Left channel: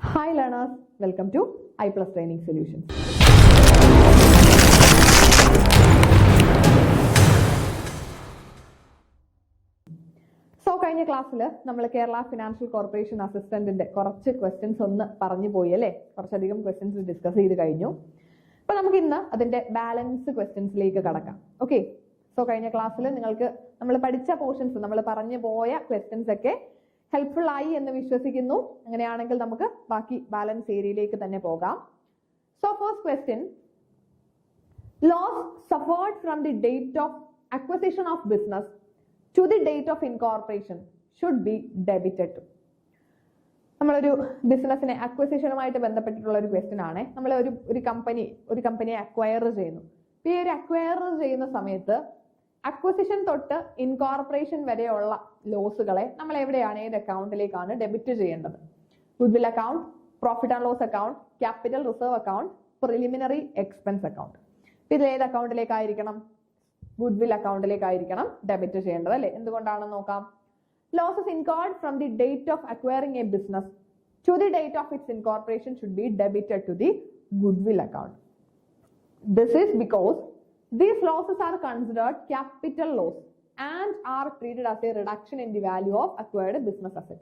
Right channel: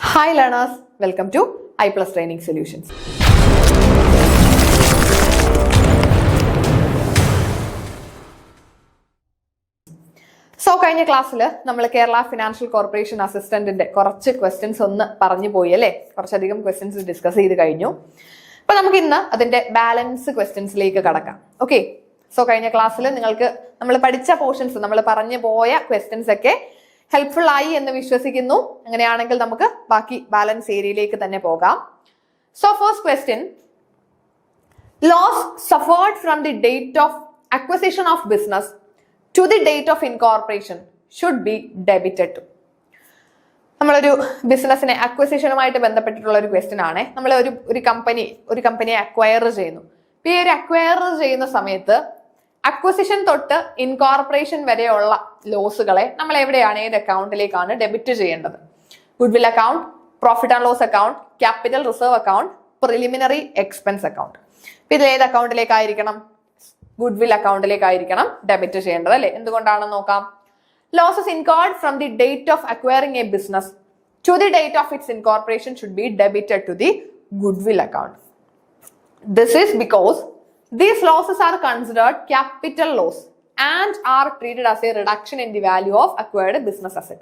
Hi learners, welcome to I Plus Training Solutions. കഴിഞ്ഞ ക്ലാസ്സിൽ നമ്മൾ കേരള ഫിനാൻഷ്യൽ കോർപ്പറേഷൻ അസിസ്റ്റന്റിന്റെ കുറച്ച് ക്വസ്റ്റ്യൻസ് ഒന്ന് പറഞ്ഞു പോയി അല്ലേ, കുറച്ചധികം ക്വസ്റ്റ്യൻസ് ഡിസ്കസ് ചെയ്ത് കഴിഞ്ഞു. അപ്പൊ നമുക്ക് ഇന്ന് അതിന്റെ ബാലൻസ് ക്വസ്റ്റ്യൻസിലേക്ക് കടക്കാം. ഓക്കെ, കഴിഞ്ഞ ക്ലാസ്സിൽ നിങ്ങൾക്ക് നമ്മൾ പഠിച്ച പോർഷൻസ്, നമ്മൾ പറഞ്ഞു പോയ ക്വസ്റ്റ്യൻസ് ഒക്കെ ഹെൽപ്ഫുൾ ആയി എന്ന് വിശ്വസിക്കുന്നു. അങ്ങനെയാണെങ്കിൽ നമുക്ക് ബാക്കി ബാലൻസ് ഏരിയയിലേക്ക് തന്നെ പോകാം. First question, loss suffered from the date of acquisition of business to the date of incorporation should be debited to. നമ്മളൊരു ബിസിനസിനെ അക്വസിഷനുമായിട്ട് ബന്ധപ്പെട്ടിട്ടുള്ള ഒരു ക്വസ്റ്റ്യൻ ആണ്. നമ്മൾ ഒരു കമ്പനിയെ അക്വയർ ചെയ്യുന്നു. ഈ ഒരു അക്വയർ ചെയ്യുന്ന സമയത്ത് അക്വസിഷൻ തൊട്ട് ഇൻകോർപ്പറേഷൻ വരെയുള്ള ലോസുകളെ നമ്മൾ എവിടെയാണ്, ഏത് അക്കൗണ്ടിലേക്കാണ് ഡെബിറ്റ് ചെയ്യേണ്ടത്? Goodwill account, profit and loss account, capital reserve account, preliminary expense account. ഇതിൽ ഏത് അക്കൗണ്ടിലേക്കായിരിക്കണം? ഗുഡ്വിൽ അക്കൗണ്ടിലേക്കായിരിക്കണം ഡെബിറ്റ് ചെയ്യേണ്ടത് അല്ലേ? എന്തുകൊണ്ടാണെന്ന് നോക്കാം. Losses incurred from the date of acquiring a business to the date of its incorporation should be debited to the goodwill account. This is because these losses are considered capital loss and are treated as a reduction in the value of acquired business asset.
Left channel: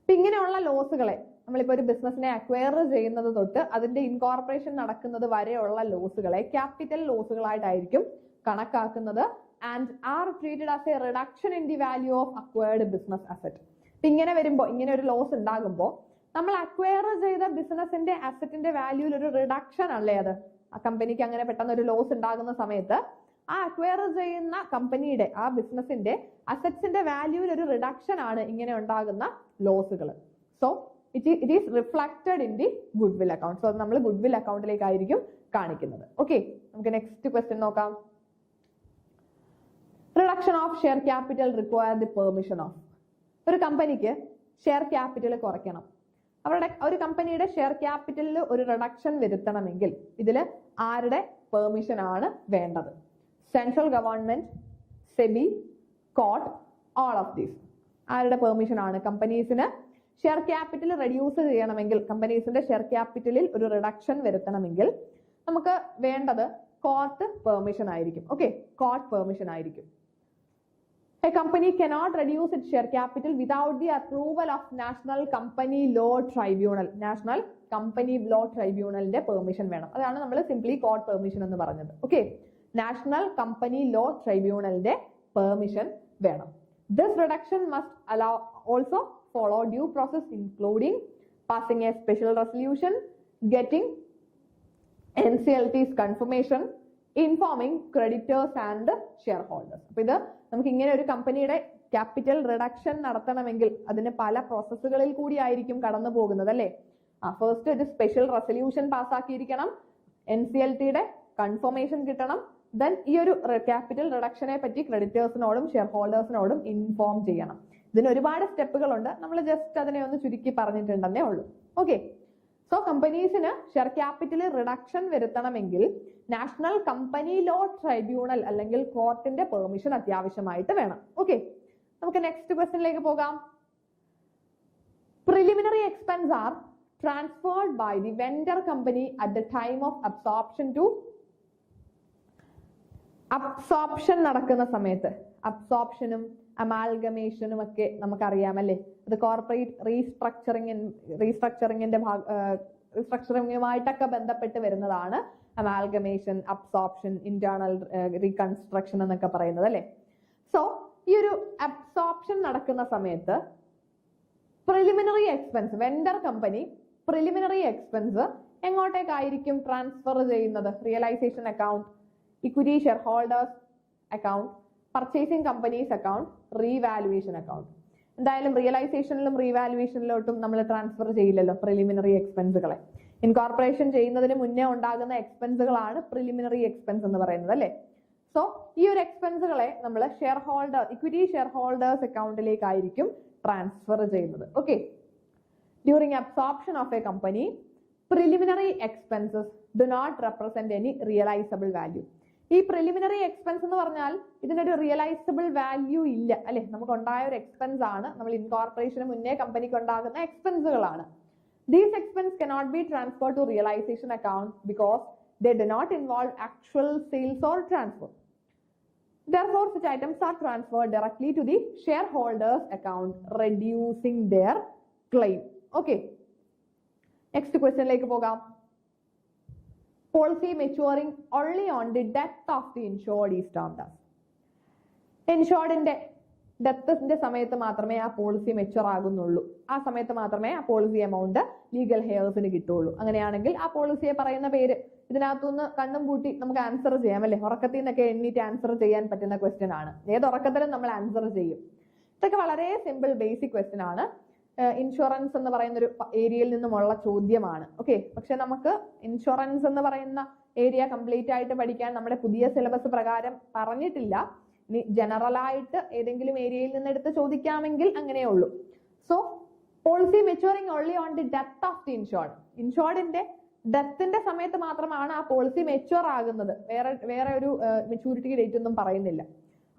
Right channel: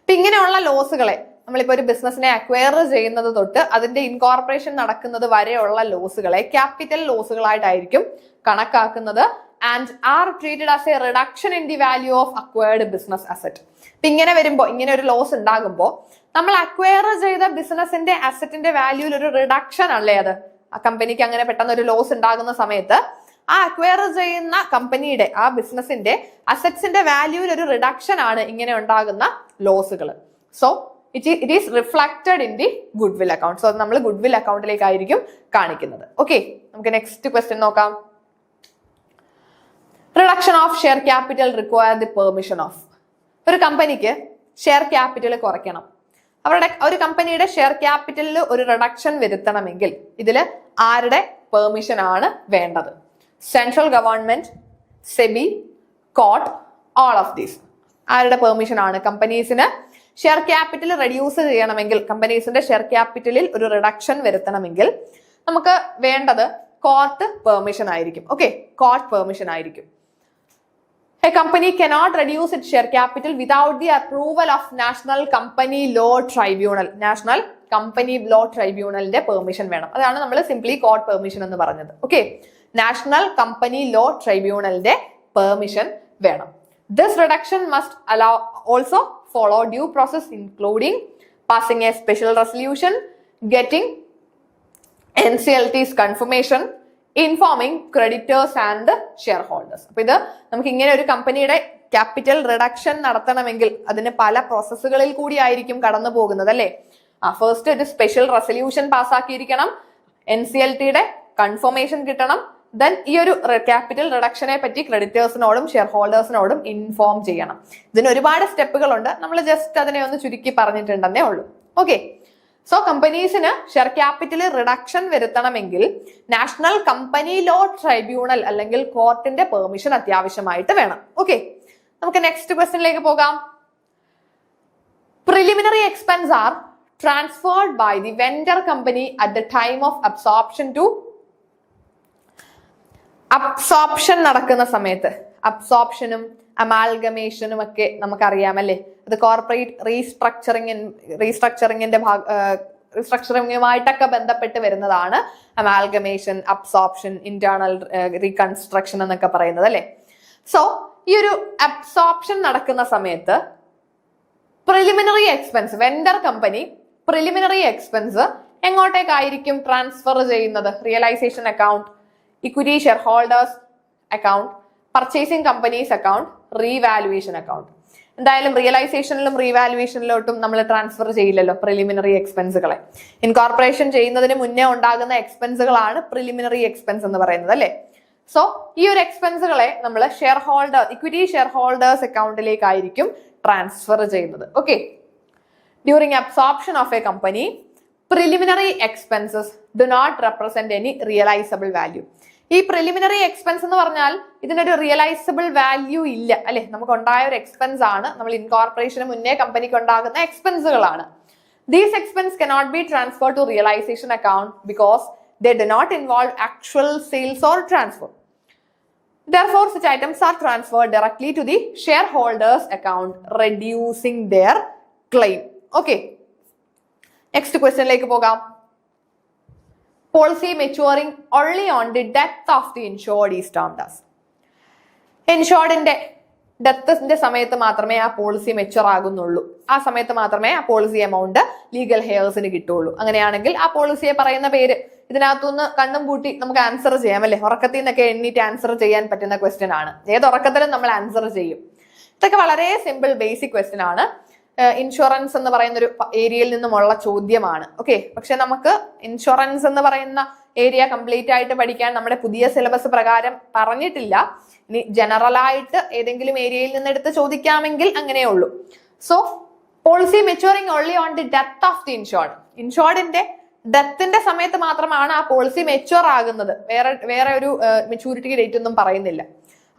ഇപ്പൊ ഇങ്ങനെയുള്ള ലോസുകളെ നമ്മളിപ്പോ ഒരു ബിസിനസിനെ acquire ചെയ്യുന്നത് തൊട്ട് അതിന്റെ incorporation നടക്കുന്നത് വരെയുള്ള ലോസുകളെ ക്യാപിറ്റൽ ലോസുകളായിട്ടായിരിക്കും കണക്കാക്കുന്നത്. And R treated as A reduction in the value of acquired business asset. ഇപ്പൊ ഇങ്ങനെ വരുമ്പോൾ, ഇങ്ങനെ ഒരു ലോസ് ഉണ്ടാകുമ്പോൾ നമ്മൾ അക്വയർ ചെയ്ത ബിസിനസിന്റെ അസറ്റിന്റെ വാല്യൂയിൽ ഒരു റിഡക്ഷൻ അല്ലേ അത്? ആ കമ്പനിക്ക് അങ്ങനെ പെട്ടെന്ന് ഒരു ലോസ് ഉണ്ടാകുന്ന സമയത്ത് ആ അക്വയർ ചെയ്യുന്ന കമ്പനിയുടെ, ആ ബിസിനസിന്റെ അസറ്റ്സിന്റെ വാല്യൂയിൽ ഒരു റിഡക്ഷൻ ആണ് ഇങ്ങനെ ഉണ്ടാകുന്ന ലോസുകൾ. So it is reflected in the goodwill account. So നമ്മൾ ഗുഡ്വിൽ അക്കൗണ്ടിലേക്കായിരിക്കും കാണിക്കുന്നത്. ഓക്കെ, നമുക്ക് നെക്സ്റ്റ് ക്വസ്റ്റ്യൻ നോക്കാം. Reduction of share capital require the permission of. ഒരു കമ്പനിക്ക് ഷെയർ ക്യാപിറ്റൽ കുറയ്ക്കണം, ഒരു കമ്പനിയുടെ ഷെയർ ക്യാപിറ്റലിൽ ഒരു റിഡക്ഷൻ വരുത്തണമെങ്കിൽ ഇതിൽ ആരുടെ പെർമിഷൻ ആണ് വേണ്ടത്? Central government, SEBI, court, all of these. ആരുടെ പെർമിഷൻ ആണ്? കമ്പനീസിന് ഷെയർ ക്യാപിറ്റൽ റെഡ്യൂസ് ചെയ്യണമെങ്കിൽ, കമ്പനീസിന്റെ ഷെയർ ക്യാപിറ്റലിൽ ഒരു റിഡക്ഷൻ വരുത്തണമെങ്കിൽ നമുക്ക് വേണ്ടത് കോർട്ട് പെർമിഷൻ ആയിരിക്കും. ഓക്കെ, കോർട്ട് പെർമിഷൻ ആയിരിക്കും. A company cannot reduce its share capital without the approval of National Company Law Tribunal. National Company Law Tribunalന്റെ permission വേണം. അതാണ് നമ്മൾ സിംപ്ലി കോർട്ട് പെർമിഷൻ എന്ന് പറഞ്ഞത്. ഓക്കെ, നാഷണൽ കമ്പനി ലോ ട്രൈബ്യൂണലിന്റെ permission വേണം. This reduction must allow also follow due process including passing a special resolution, getting NCLT's confirmation, informing creditors and share holders. അപ്പൊ ഇത് നമുക്ക് ഇങ്ങനെ ഒരു കമ്പനിയുടെ ക്യാപിറ്റൽ റിഡക്ഷൻ നടത്തണമെങ്കിൽ അതിന് പല പ്രോസസ്സുകളിൽ കൂടി ആയിരിക്കും കടന്നു പോകുന്നത് അല്ലേ? ഫസ്റ്റ് ഒരു സ്പെഷ്യൽ റെസല്യൂഷൻ പാസ്സാക്കിയിരിക്കണം, NCLTയുടെ കൺഫർമേഷൻ കിട്ടണം, ദെൻ ഈ ഒരു ക്യാപിറ്റൽ റിഡക്ഷനെ പറ്റി ക്രെഡിറ്റേഴ്സിനോടും ഷെയർ ഹോൾഡേഴ്സിനോടും ഇൻഫോം ചെയ്യണം. ഇതിന് ഒരുപാട് സ്റ്റെപ്പുകളുണ്ട്, നമ്മൾ ജസ്റ്റ് അതിനെ ഒന്ന് ചുരുക്കി പറഞ്ഞിട്ടുണ്ടെന്നേ ഉള്ളൂ. ഓക്കെ, സോ കമ്പനീസിന് ഷെയർ ക്യാപിറ്റൽ റിഡക്ഷൻ വരുത്തണമെങ്കിൽ നാഷണൽ കമ്പനി ലോ ട്രൈബ്യൂണൽ അല്ലെങ്കിൽ കോർട്ടിന്റെ പെർമിഷൻ അത്യാവശ്യമായിട്ട് വേണം. ഓക്കെ, നമുക്ക് നെക്സ്റ്റ് ക്വസ്റ്റ്യനിലേക്ക് പോകാം. Preliminary expense are transferred by the vendor company at the time of absorption to. Absorption നടക്കുന്ന സമയത്ത്, അബ്സോർപ്ഷനും അമാൽഗമേഷനും ഒക്കെ നമുക്കറിയാമല്ലേ, അത് കോർപ്പറേറ്റ് റീസ്ട്രക്ചറിങ്ങുമായിട്ടൊക്കെ ബന്ധപ്പെട്ട് വരുന്നതാണ് അമാൽഗമേഷൻ, അബ്സോർപ്ഷൻ, ഇന്റേണൽ റീകൺസ്ട്രക്ഷൻ എന്നൊക്കെ പറയുന്നത് അല്ലേ. സോ ഈ ഒരു അബ്സോർപ്ഷൻ നടക്കുന്ന സമയത്ത് preliminary expense, vendor company preliminary expense എങ്ങോട്ടേക്കായിരിക്കും ട്രാൻസ്ഫർ ചെയ്യുന്നത്? Realisation account, equity share holders account, purchasing companies account, revaluation account. എന്തായാലും റിയലൈസേഷനിലും റീവാലുവേഷനിലോട്ടും നമ്മൾ ട്രാൻസ്ഫർ ചെയ്യില്ലല്ലോ പ്രിലിമിനറി എക്സ്പെൻസുകളെ. ഇൻകോർപ്പറേഷൻ ചെയ്യുന്നതിന് മുന്നേ ഉണ്ടാകുന്ന എക്സ്പെൻസുകളാണ് പ്രിലിമിനറി എക്സ്പെൻസ് എന്ന് പറയുന്നത് അല്ലേ. സോ ഈ ഒരു എക്സ്പെൻസുകളെ നമ്മൾ ഇക്വിറ്റി ഷെയർ ഹോൾഡേഴ്സ് അക്കൗണ്ടിലേക്കായിരിക്കും ട്രാൻസ്ഫർ ചെയ്യുന്നത്. Okay, during absorption of a company preliminary expenses do not represent any realisable value. ഈ പ്രിലിമിനറി എക്സ്പെൻസ് എന്ന് പറഞ്ഞാൽ ഇതിനൊരു റിയലൈസബിൾ വാല്യൂ ഇല്ല അല്ലെ, നമുക്ക് ഉണ്ടായ ഒരു എക്സ്പെൻസ് ആണ്, നമ്മൾ ഇൻകോർപ്പറേഷന് മുന്നേ കമ്പനിക്ക് ഉണ്ടാകുന്ന എക്സ്പെൻസുകളാണ്. These expenses cannot be transferred to realization account because they do not involve actual sales or transfer. Therefore, such items are transferred directly to the shareholders account, reducing their claim. Okay. Next question like pogam. Policy maturing only on the death of the insured is termed as. Insured in ഡെത്തിന്റെ സമയത്ത് മാത്രമേ ആ policy mature ആകുന്നുള്ളൂ. ആ സമയത്ത് മാത്രമേ ആ policy amount legal ഹെയർസിന് കിട്ടുള്ളൂ. അങ്ങനെയാണെങ്കിൽ ആ പോളിസിയെ പറയുന്ന പേര് ഇതിനകത്തുനിന്ന് കണ്ണും പൂട്ടി നമുക്ക് ആൻസർ ചെയ്യാം അല്ലെ? ഉറക്കത്തിൽ നിന്നൊക്കെ എണ്ണീറ്റ് ആൻസർ ചെയ്യാൻ പറ്റുന്ന ക്വസ്റ്റ്യൻ ആണ്. ഏത് ഉറക്കത്തിലും നമ്മൾ ആൻസർ ചെയ്യും. ഇതൊക്കെ വളരെ സിമ്പിൾ ബേസിക് ക്വസ്റ്റ്യൻ ആണ്. ഇൻഷുറൻസ് എന്ന് പറയുന്ന ഒരു ഏരിയയിൽ നിന്നുമുള്ള ചോദ്യമാണ്. ഓക്കെ, പക്ഷെ നമുക്ക് ഇൻഷുറൻസ് എന്ന് പറയുന്ന ഏരിയ കംപ്ലീറ്റ് ആയിട്ട് പഠിക്കാൻ നമ്മുടെ പുതിയ സിലബസ് പ്രകാരം പറഞ്ഞിട്ടില്ല. ഇനി ജനറൽ ആയിട്ട് ഏതെങ്കിലും ഏരിയയിൽ നിന്ന് എടുത്ത് ചോദിക്കാമെങ്കിൽ അങ്ങനെയുള്ളൂ. So policy maturing only on the death of the insured. ഇൻഷുർഡിന്റെ ഡെത്തിന്റെ സമയത്ത് മാത്രമാണ് ആ പോളിസി മെച്ചുവർ ആകുന്നത്. വേറെ ഒരു മെച്യൂരിറ്റി ഡേറ്റ് ഒന്നും പറയുന്നില്ല.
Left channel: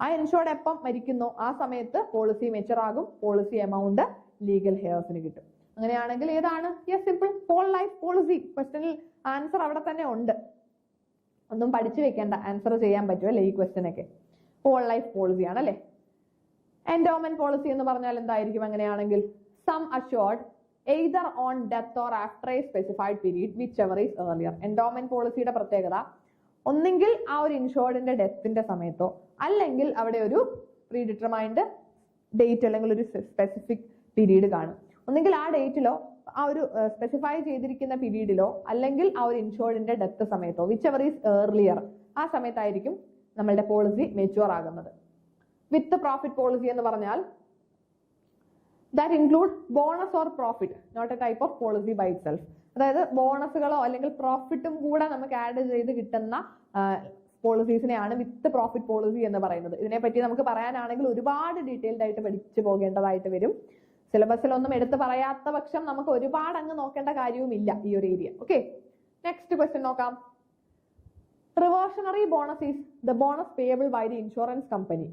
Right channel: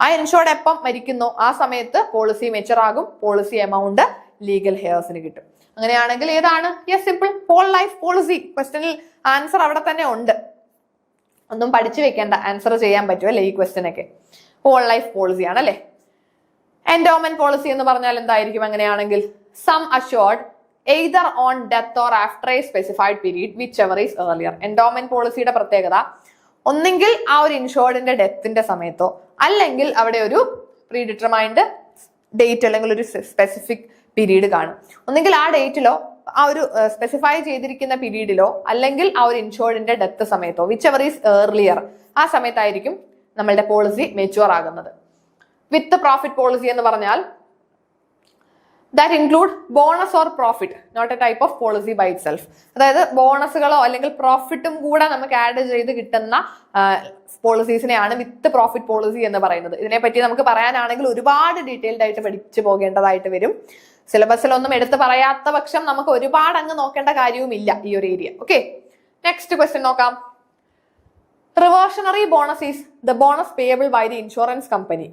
ആ ഇൻഷുർഡ് എപ്പം മരിക്കുന്നോ ആ സമയത്ത് പോളിസി മെച്ചുവർ ആകും, പോളിസി എമൗണ്ട് ലീഗൽ ഹെയർസിന് കിട്ടും. അങ്ങനെയാണെങ്കിൽ ഏതാണ്? Yes, simple, whole life policy. ക്വസ്റ്റ്യനിൽ ആൻസർ അവിടെ തന്നെ ഉണ്ട്, ഒന്നും പഠിച്ചു വെക്കേണ്ട, ആൻസർ ചെയ്യാൻ പറ്റും അല്ലെ? ഈ ക്വസ്റ്റ്യൻ ഒക്കെ ഹോൾ ലൈഫ് പോളിസി ആണ് അല്ലെ? എൻഡോമെന്റ് പോളിസി എന്ന് പറഞ്ഞാൽ എന്തായിരിക്കും അങ്ങനെയാണെങ്കിൽ? Sum assured either on death or after a specified period whichever is earlier. Endowment പോളിസിയുടെ പ്രത്യേകത ഒന്നെങ്കിൽ ആ ഒരു ഇൻഷുർഡിന്റെ ഡെത്തിന്റെ സമയത്തോ അല്ലെങ്കിൽ അവിടെ ഒരു പ്രീ ഡിറ്റർമൈൻഡ് ഡേറ്റ് അല്ലെങ്കിൽ ഒരു സ്പെസിഫിക് പീരീഡ് കാണും. ഒന്നെങ്കിൽ ആ ഡേറ്റിലോ ആ ഒരു സ്പെസിഫൈ ചെയ്തിരിക്കുന്ന പീരീഡിലോ അല്ലെങ്കിൽ ആ ഒരു ഇൻഷുർഡിന്റെ ഡെത്ത് സമയത്തോ വിച്ച് എവർ ഈസ് ഏർലിയർ ആ സമയത്തായിരിക്കും നമ്മളുടെ പോളിസി മെച്ചുവർ ആകുന്നത്. വിത്ത് പ്രോഫിറ്റ് പോളിസി എന്ന് പറഞ്ഞാൽ that include bonus or profit, not a type of policy by itself. അതായത് ബോണസുകളോ അല്ലെങ്കിൽ പ്രോഫിറ്റും കൂടെ നമുക്ക് ആഡ് ചെയ്ത് കിട്ടുന്ന പോളിസീസിനെയാണ് വിത്ത് പ്രോഫിറ്റ് പോളിസി എന്ന് പറയുന്നത്. ഇതിനെപ്പറ്റി നമുക്ക് പറയാനാണെങ്കിൽ ഒരുപാട് ഡീറ്റെയിൽഡ് ആയിട്ട് പഠിച്ചു പോകേണ്ടതായിട്ട് വരും. സിലബസിലൊന്നും എടുത്ത് പറയാത്ത പക്ഷം നമുക്ക് ഒരുപാട് അങ്ങ് നോക്കേണ്ട കാര്യവുമില്ല ഈ ഒരു ഏരിയ. ഓക്കെ, നെക്സ്റ്റ് ക്വസ്റ്റ്യൻ നോക്കാം. Reversionary bonus is the bonus payable by the insurance company.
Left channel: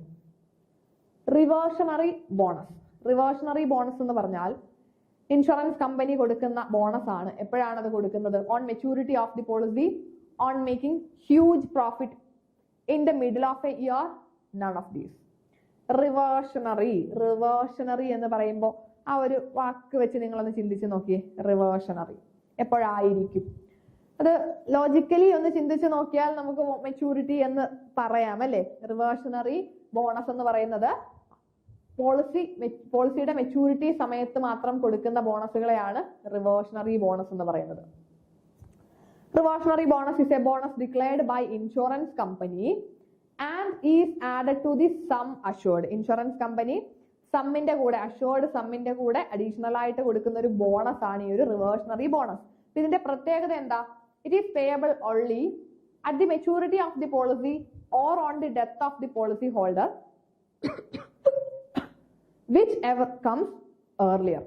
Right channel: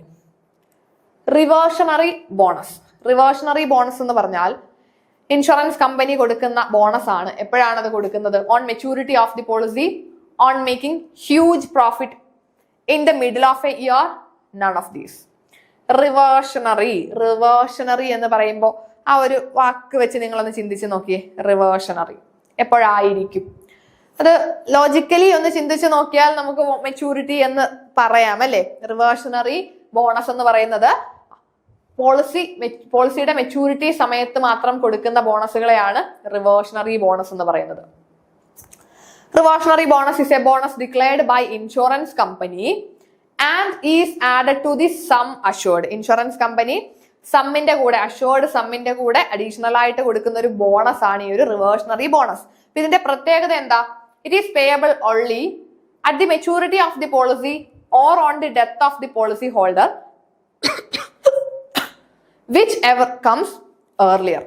Reversionary bonus എന്ന് പറഞ്ഞാൽ ഇൻഷുറൻസ് കമ്പനി കൊടുക്കുന്ന ബോണസ് ആണ്. എപ്പോഴാണ് അത് കൊടുക്കുന്നത്? On maturity of the policy, on making huge profit, in the middle of a year, none of these. Reversionary എന്ന് പറയുമ്പോൾ ആ ഒരു വാക്ക് വെച്ച് നിങ്ങളൊന്ന് ചിന്തിച്ച് നോക്കിയേ. റിവേർഷണറി എപ്പോഴായിരിക്കും? അത് ലോജിക്കലി ഒന്ന് ചിന്തിച്ച് നോക്കിയാൽ നമുക്ക് മെച്യൂരിറ്റി എന്ന് പറയാം അല്ലെ? റിവേർഷണറി ബോണസ് എന്ന് പറയുന്നത് പോളിസിയുടെ മെച്യൂരിറ്റി സമയത്ത് മാത്രം കൊടുക്കുന്ന ബോണസുകളെയാണ് റിവേർഷണറി ബോണസ് എന്ന് പറയുന്നത്. Reversionary bonus is a bonus declared by insurance company and is added to the sum assured. Insurance company സമ്മിന്റെ കൂടെ, അഷ്യൂർഡ് സമ്മിന്റെ കൂടെ അഡീഷണൽ ആയിട്ട് കൊടുക്കുന്ന ഒരു ബോണസ് ആണ് ഈ ഒരു റിവേർഷണറി ബോണസ്. ഇതിന്റെ പ്രത്യേകത എന്താ? It is payable only at the maturity of the policy or on the death of the policy holder, whichever comes earlier.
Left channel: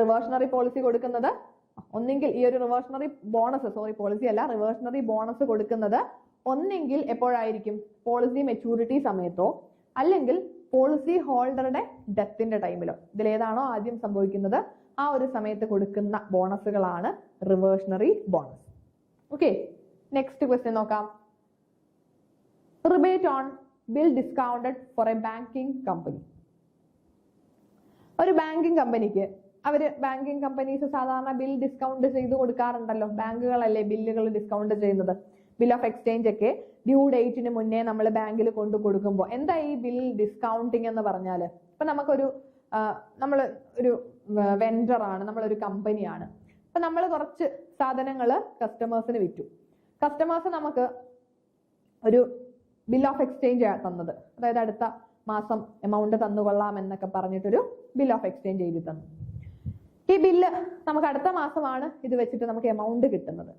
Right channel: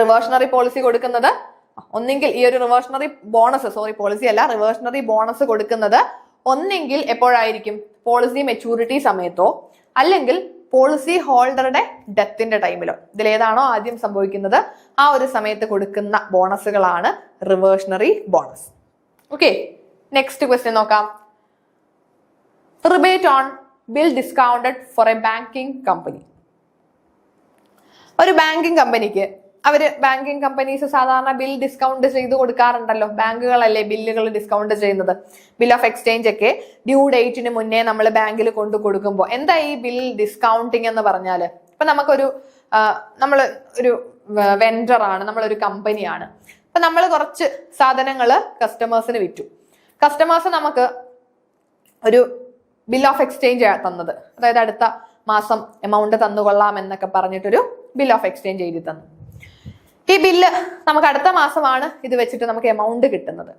Reversionary policy കൊടുക്കുന്നത് ഒന്നെങ്കിൽ ഈ ഒരു റിവേർഷണറി ബോണസ്, പോളിസി അല്ല, റിവേർഷണറി ബോണസ് കൊടുക്കുന്നത് ഒന്നെങ്കിൽ എപ്പോഴായിരിക്കും? പോളിസി മെച്യൂരിറ്റി സമയത്തോ അല്ലെങ്കിൽ പോളിസി ഹോൾഡറുടെ ഡെത്തിന്റെ ടൈമിലോ. ഇതിലേതാണോ ആദ്യം സംഭവിക്കുന്നത് ആ ഒരു സമയത്ത് കൊടുക്കുന്ന ബോണസുകളാണ് reversionary bonus. Okay, next question നോക്കാം. Rebate on bill discounted for a banking company. ഒരു ബാങ്കിങ് കമ്പനിക്ക് ബാങ്കിങ് കമ്പനീസ് സാധാരണ ബിൽ ഡിസ്കൗണ്ട് ചെയ്ത് കൊടുക്കാറുണ്ടല്ലോ. ബാങ്കുകളല്ലേ ബില്ലുകൾ ഡിസ്കൗണ്ട് ചെയ്യുന്നത്. ബിൽ ഓഫ് എക്സ്ചേഞ്ച് ഒക്കെ ഡ്യൂ ഡേറ്റിന് മുന്നേ നമ്മൾ ബാങ്കിൽ കൊണ്ടു കൊടുക്കുമ്പോൾ എന്താ ഈ ബിൽ ഡിസ്കൗണ്ടിങ് എന്ന് പറഞ്ഞാൽ? ഇപ്പൊ നമ്മൾ ഒരു വെൻഡർ ആണ്, നമ്മളൊരു കമ്പനിയാണ്. അപ്പൊ നമ്മൾ കുറച്ച് സാധനങ്ങൾ കസ്റ്റമേഴ്സിന് വിറ്റു. കസ്റ്റമേഴ്സ് നമുക്ക് ഒരു ബിൽ ഓഫ് എക്സ്ചേഞ്ച് തന്നത്, അതായത് അടുത്ത മാസം എമൗണ്ട് തന്നുകൊള്ളാം എന്നൊക്കെ പറഞ്ഞിട്ടൊരു ബിൽ ഓഫ് എക്സ്ചേഞ്ച് എഴുതി തന്നു. ഈ ബില്ല് നമുക്ക് അടുത്ത മാസമാണ് ഇത് വെച്ചിട്ട് നമുക്ക് എമൗണ്ട് കിട്ടുന്നത്.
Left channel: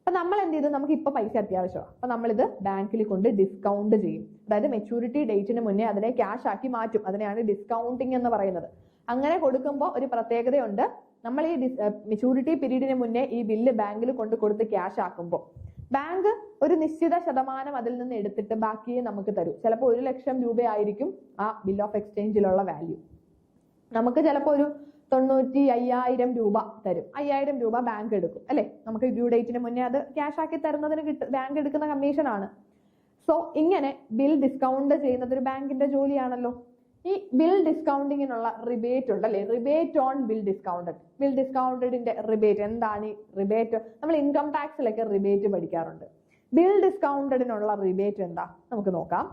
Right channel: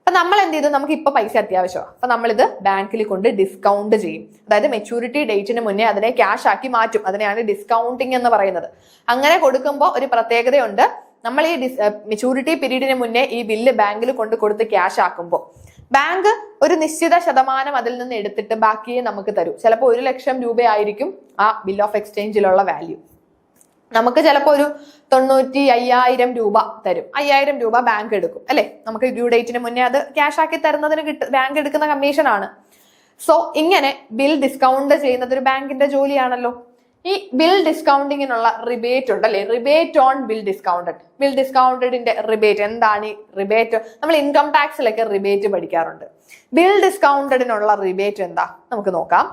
അപ്പൊ നമ്മൾ എന്ത് ചെയ്തു? നമുക്ക് ഇപ്പൊ പൈസ അത്യാവശ്യമാണ്. അപ്പൊ നമ്മളിത് ബാങ്കിൽ കൊണ്ട് ഡിസ്കൗണ്ട് ചെയ്യും. അതായത് മെച്യൂരിറ്റി ഡേറ്റിന് മുന്നേ അതിനെ ക്യാഷ് ആക്കി മാറ്റും. അതിനെയാണ് ഡിസ്കൗണ്ടിങ് എന്ന് പറയുന്നത്. അങ്ങനെ കൊടുക്കുമ്പോൾ ഒരു പ്രത്യേകതയുണ്ട്. നമ്മൾ ഈ മെച്യൂരിറ്റി പീരീഡിന് മുന്നേ ഈ ബില്ല് ബാങ്കിൽ കൊടുത്ത് ക്യാഷ് ആക്കുമ്പോൾ ബാങ്ക് ഒരു നിശ്ചിത ശതമാനം അതിൽ നിന്ന് എടുത്തിട്ട് ബാക്കിയെ നമുക്ക് തരും. ചിലപ്പോൾ 1 ലക്ഷം രൂപയായിരിക്കും ആ ബിൽ ഓഫ് എക്സ്ചേഞ്ചിലുള്ള വാല്യൂ. നമുക്ക് ചിലപ്പോൾ ഒരു 95,000 രൂപ തരും. 5,000 രൂപ ബാങ്ക് എടുക്കും അല്ലെ. നമുക്ക് ഡ്യൂ ഡേറ്റിന് മുന്നേ അത് ക്യാഷ് ആക്കി തരുന്നതിന് ബാങ്ക് എടുക്കുന്ന കമ്മീഷൻ ആണ്. സോ ഇങ്ങനെ ബിൽ ഡിസ്കൗണ്ട് ചെയ്യുന്നത് ഒരു ബാങ്കിന്റെ ജോലിയാണല്ലോ. ഈ ബിൽ ഡിസ്കൗണ്ടിങ്ങിനുള്ള റിബേറ്റ് ഉണ്ട് അല്ലെ, rebate on bill discounted. Bill ഡിസ്കൗണ്ടഡിന്റെ റിബേറ്റ് എന്താണ്? ഈ റിബേറ്റ് നമ്മൾ ഇൻകം ടാക്സിലൊക്കെ റിബേറ്റ് പഠിക്കാറുണ്ട്. ബിൽ ഡിസ്കൗണ്ടഡിനുള്ള റിബേറ്റ് എന്താ നമുക്ക് നോക്കാം.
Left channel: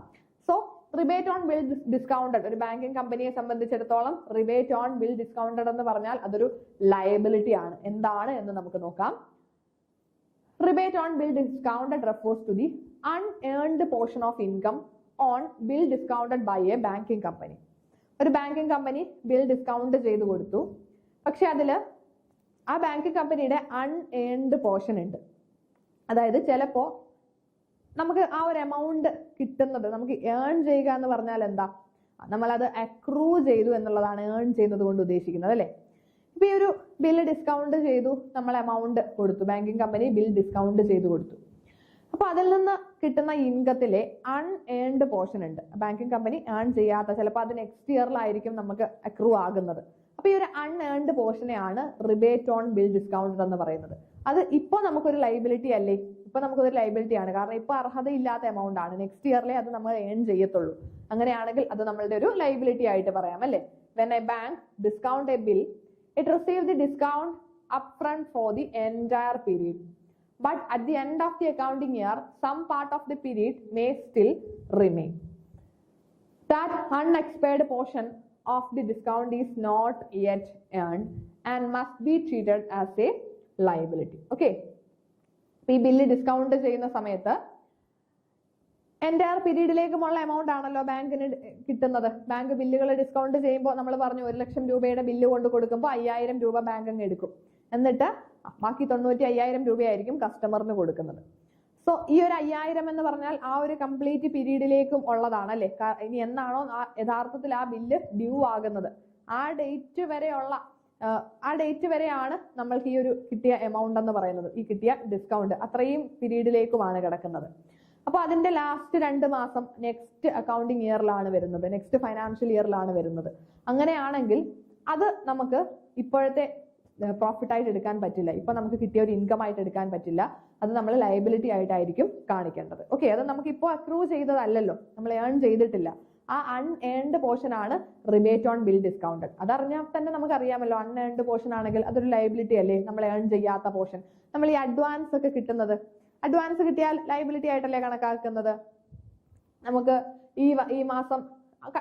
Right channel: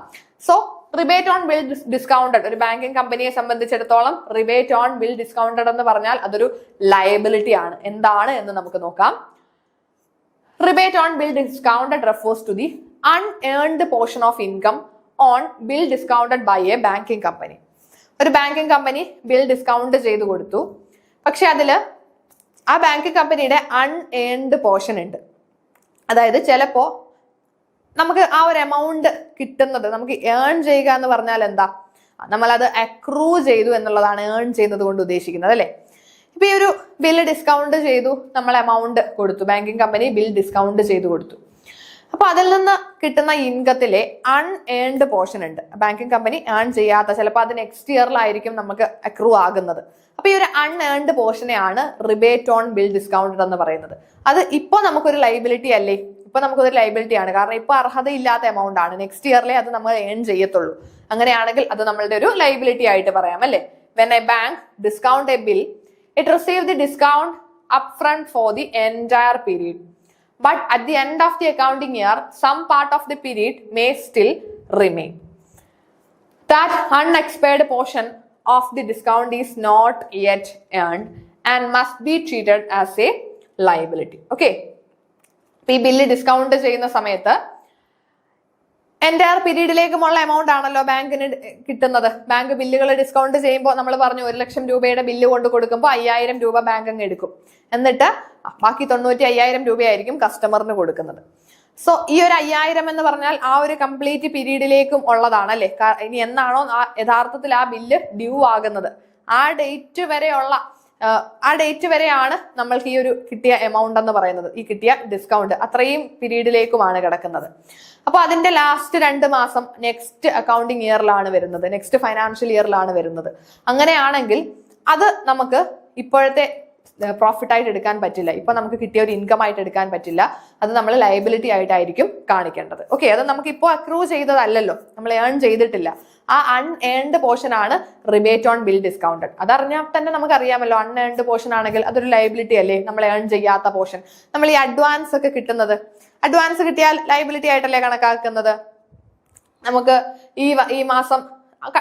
So rebate on bill discounted ഒരു ബാങ്കിങ് കമ്പനിയെ സംബന്ധിച്ചിടത്തോളം റിബേറ്റ് ഓൺ ബിൽ ഡിസ്കൗണ്ടഡ് എന്ന് പറഞ്ഞാൽ അതൊരു ലയബിലിറ്റി ആണ്. എന്താണ് എന്ന് നമുക്ക് നോക്കാം. Rebate on bill discounted refers to the unearned portion of income on bill discounted by a banking company. ഒരു ബാങ്കിങ് കമ്പനി ബിൽ ഡിസ്കൗണ്ട് ചെയ്ത് കൊടുത്തു, പക്ഷെ അതില് ആ ബാങ്കിങ് കമ്പനിയുടെ അൺഏൺഡ് പോർഷൻ ഉണ്ട്. അതായത് ചിലപ്പോ നമുക്ക് ആ ഒരു എമൗണ്ട് കിട്ടുന്നത് നമുക്ക് ഏൺ ചെയ്യുക എന്ന് പറഞ്ഞാൽ എന്താ, നമ്മളത് അക്രൂ ചെയ്തു എന്നുള്ളതാണ് ഏൺ ചെയ്യുന്നത് കൊണ്ട് ഉദ്ദേശിക്കുന്നത് അല്ലെ. ഇപ്പൊ ഈ ഒരു ബില്ല് ഡിസ്കൗണ്ട് ചെയ്തു, നമ്മൾ എമൗണ്ട് കൊടുത്തു, ബാങ്കിങ് കമ്പനി ബിൽ ഡിസ്കൗണ്ട് ചെയ്തു കൊടുത്തു. അപ്പൊ അതിൽ നിന്ന് കിട്ടുന്ന ഇൻകത്തിലെ അൺഏൺഡ് പോർഷൻ ഉണ്ട്, ബാങ്കിങ് കമ്പനി ഏൺ ചെയ്യാത്ത, ചിലപ്പോൾ അത് നെക്സ്റ്റ് ഇയറിലായിരിക്കും നമുക്ക് അക്രൂ ആകുന്നത്. അപ്പൊ ഈ ഒരു അൺഏൺഡ് പോർഷനെയാണ് റിബേറ്റ് ഓൺ ബിൽ ഡിസ്കൗണ്ടഡ് എന്ന് പറയുന്നത്. അത് ഇപ്പൊ നമുക്കൊരു ലൈബിലിറ്റി അല്ലേ, ഇപ്പൊ നമുക്കൊരു ലൈബിലിറ്റി ആണ്, കാരണം ഇപ്പൊ അർഹതയില്ലാത്ത എമൗണ്ട് ആണ്. നെക്സ്റ്റ് ഇയറിലെ അത് നമ്മൾ ഏൺ ചെയ്യത്തുള്ളൂ. അങ്ങനെയാണെങ്കിൽ അത് നമ്മളുടെ ഒരു ലൈബിലിറ്റി ആയിട്ട് പറയാം അല്ലെ. When a bank discount a bill, it receive the discount up front for the entire period. But at the end of the accounting year, some part of the period may still remain. That unexpired portion of the discount is not yet earned and must be treated as a liability. Okay. ഈ bill discount ചെയ്യുന്ന സമയത്ത് entire പീരീഡിലേക്കുമുള്ള amount ആണല്ലോ ബാങ്കിന് കിട്ടുന്നത്. Bank ബില്ലുകൾ discount ചെയ്യുമ്പോൾ നമ്മൾ പറഞ്ഞു 1,00,000 രൂപയുടെ ബില്ല് കൊണ്ട് കൊടുക്കുമ്പോൾ 5,000 രൂപ ബാങ്ക് അങ്ങ് എടുക്കും. എന്നിട്ട് ബാക്കി 95,000 രൂപയായിരിക്കും കസ്റ്റമറിന് കൊടുക്കുന്നത്. സോ ഈ ഒരു 5,000 എന്ന് പറഞ്ഞാൽ ആ ഒരു കംപ്ലീറ്റ് പീരീഡിലേക്കും ഉള്ളതാണ് അല്ലെ. ഇനി എന്നാണോ യഥാർത്ഥത്തിൽ ആ ബില്ല് ഡ്യൂ ആകുന്നത് ആ ഡേറ്റ് വരെയാണ് നമ്മൾക്ക് ഈ ഒരു കിട്ടിയ എമൗണ്ട് എന്ന് പറയുന്നത്, ഈ കിട്ടിയ ഡിസ്കൗണ്ട് അത്രയും പീരീഡിലേക്കുമാണ് കിടക്കുന്നത്. അപ്പൊ അതിന്റെ ലാസ്റ്റ് 2 മാസം നെക്സ്റ്റ് അക്കൗണ്ടിങ് ഇയറിലാണ് വരുന്നത്, നെക്സ്റ്റ് ഫൈനാൻഷ്യൽ ഇയറിലാണ് വരുന്നത്. അങ്ങനെയാണെങ്കിൽ അത് നമുക്ക് ഇപ്പോഴത്തെ പ്രോഫിറ്റ് ആയിട്ട് എടുക്കാൻ പറ്റില്ല, ഇപ്പൊ നമുക്ക് കിട്ടിയ ഒരു ഇൻകം ആയിട്ട് എടുക്കാൻ പറ്റില്ല. അത് നമ്മൾ ലയബിലിറ്റി ആയിട്ടായിരിക്കും കാണിക്കേണ്ടത്. ഓക്കെ, അത് നമുക്ക് ഇപ്പോൾ അക്രൂ ചെയ്തതല്ലല്ലോ, നമ്മൾ ഏൺ ചെയ്തിട്ടില്ല. ആ അൺഏൺഡ് പോർഷൻ ആണ് റിബേറ്റ് ഓൺ ബിൽ ഡിസ്കൗണ്ടഡ്. അതറിഞ്ഞാൽ തന്നെ നമുക്ക് അറിയാമല്ലോ, അൺഏൺഡ് പോർഷൻ ആണെങ്കിൽ അതൊരു ലയബിലിറ്റി അല്ലേ, നമ്മൾ ഏൺ ചെയ്യാത്ത പോർഷൻ. നമ്മൾ ഈ അഡ്വാൻസ് ഒക്കെ കിട്ടുന്നത്, അഡ്വാൻസ് കിട്ടിയാൽ ലയബിലിറ്റി ആയിട്ടല്ലേ കണക്കാക്കുന്നത്. നമുക്ക് ഈ മാസം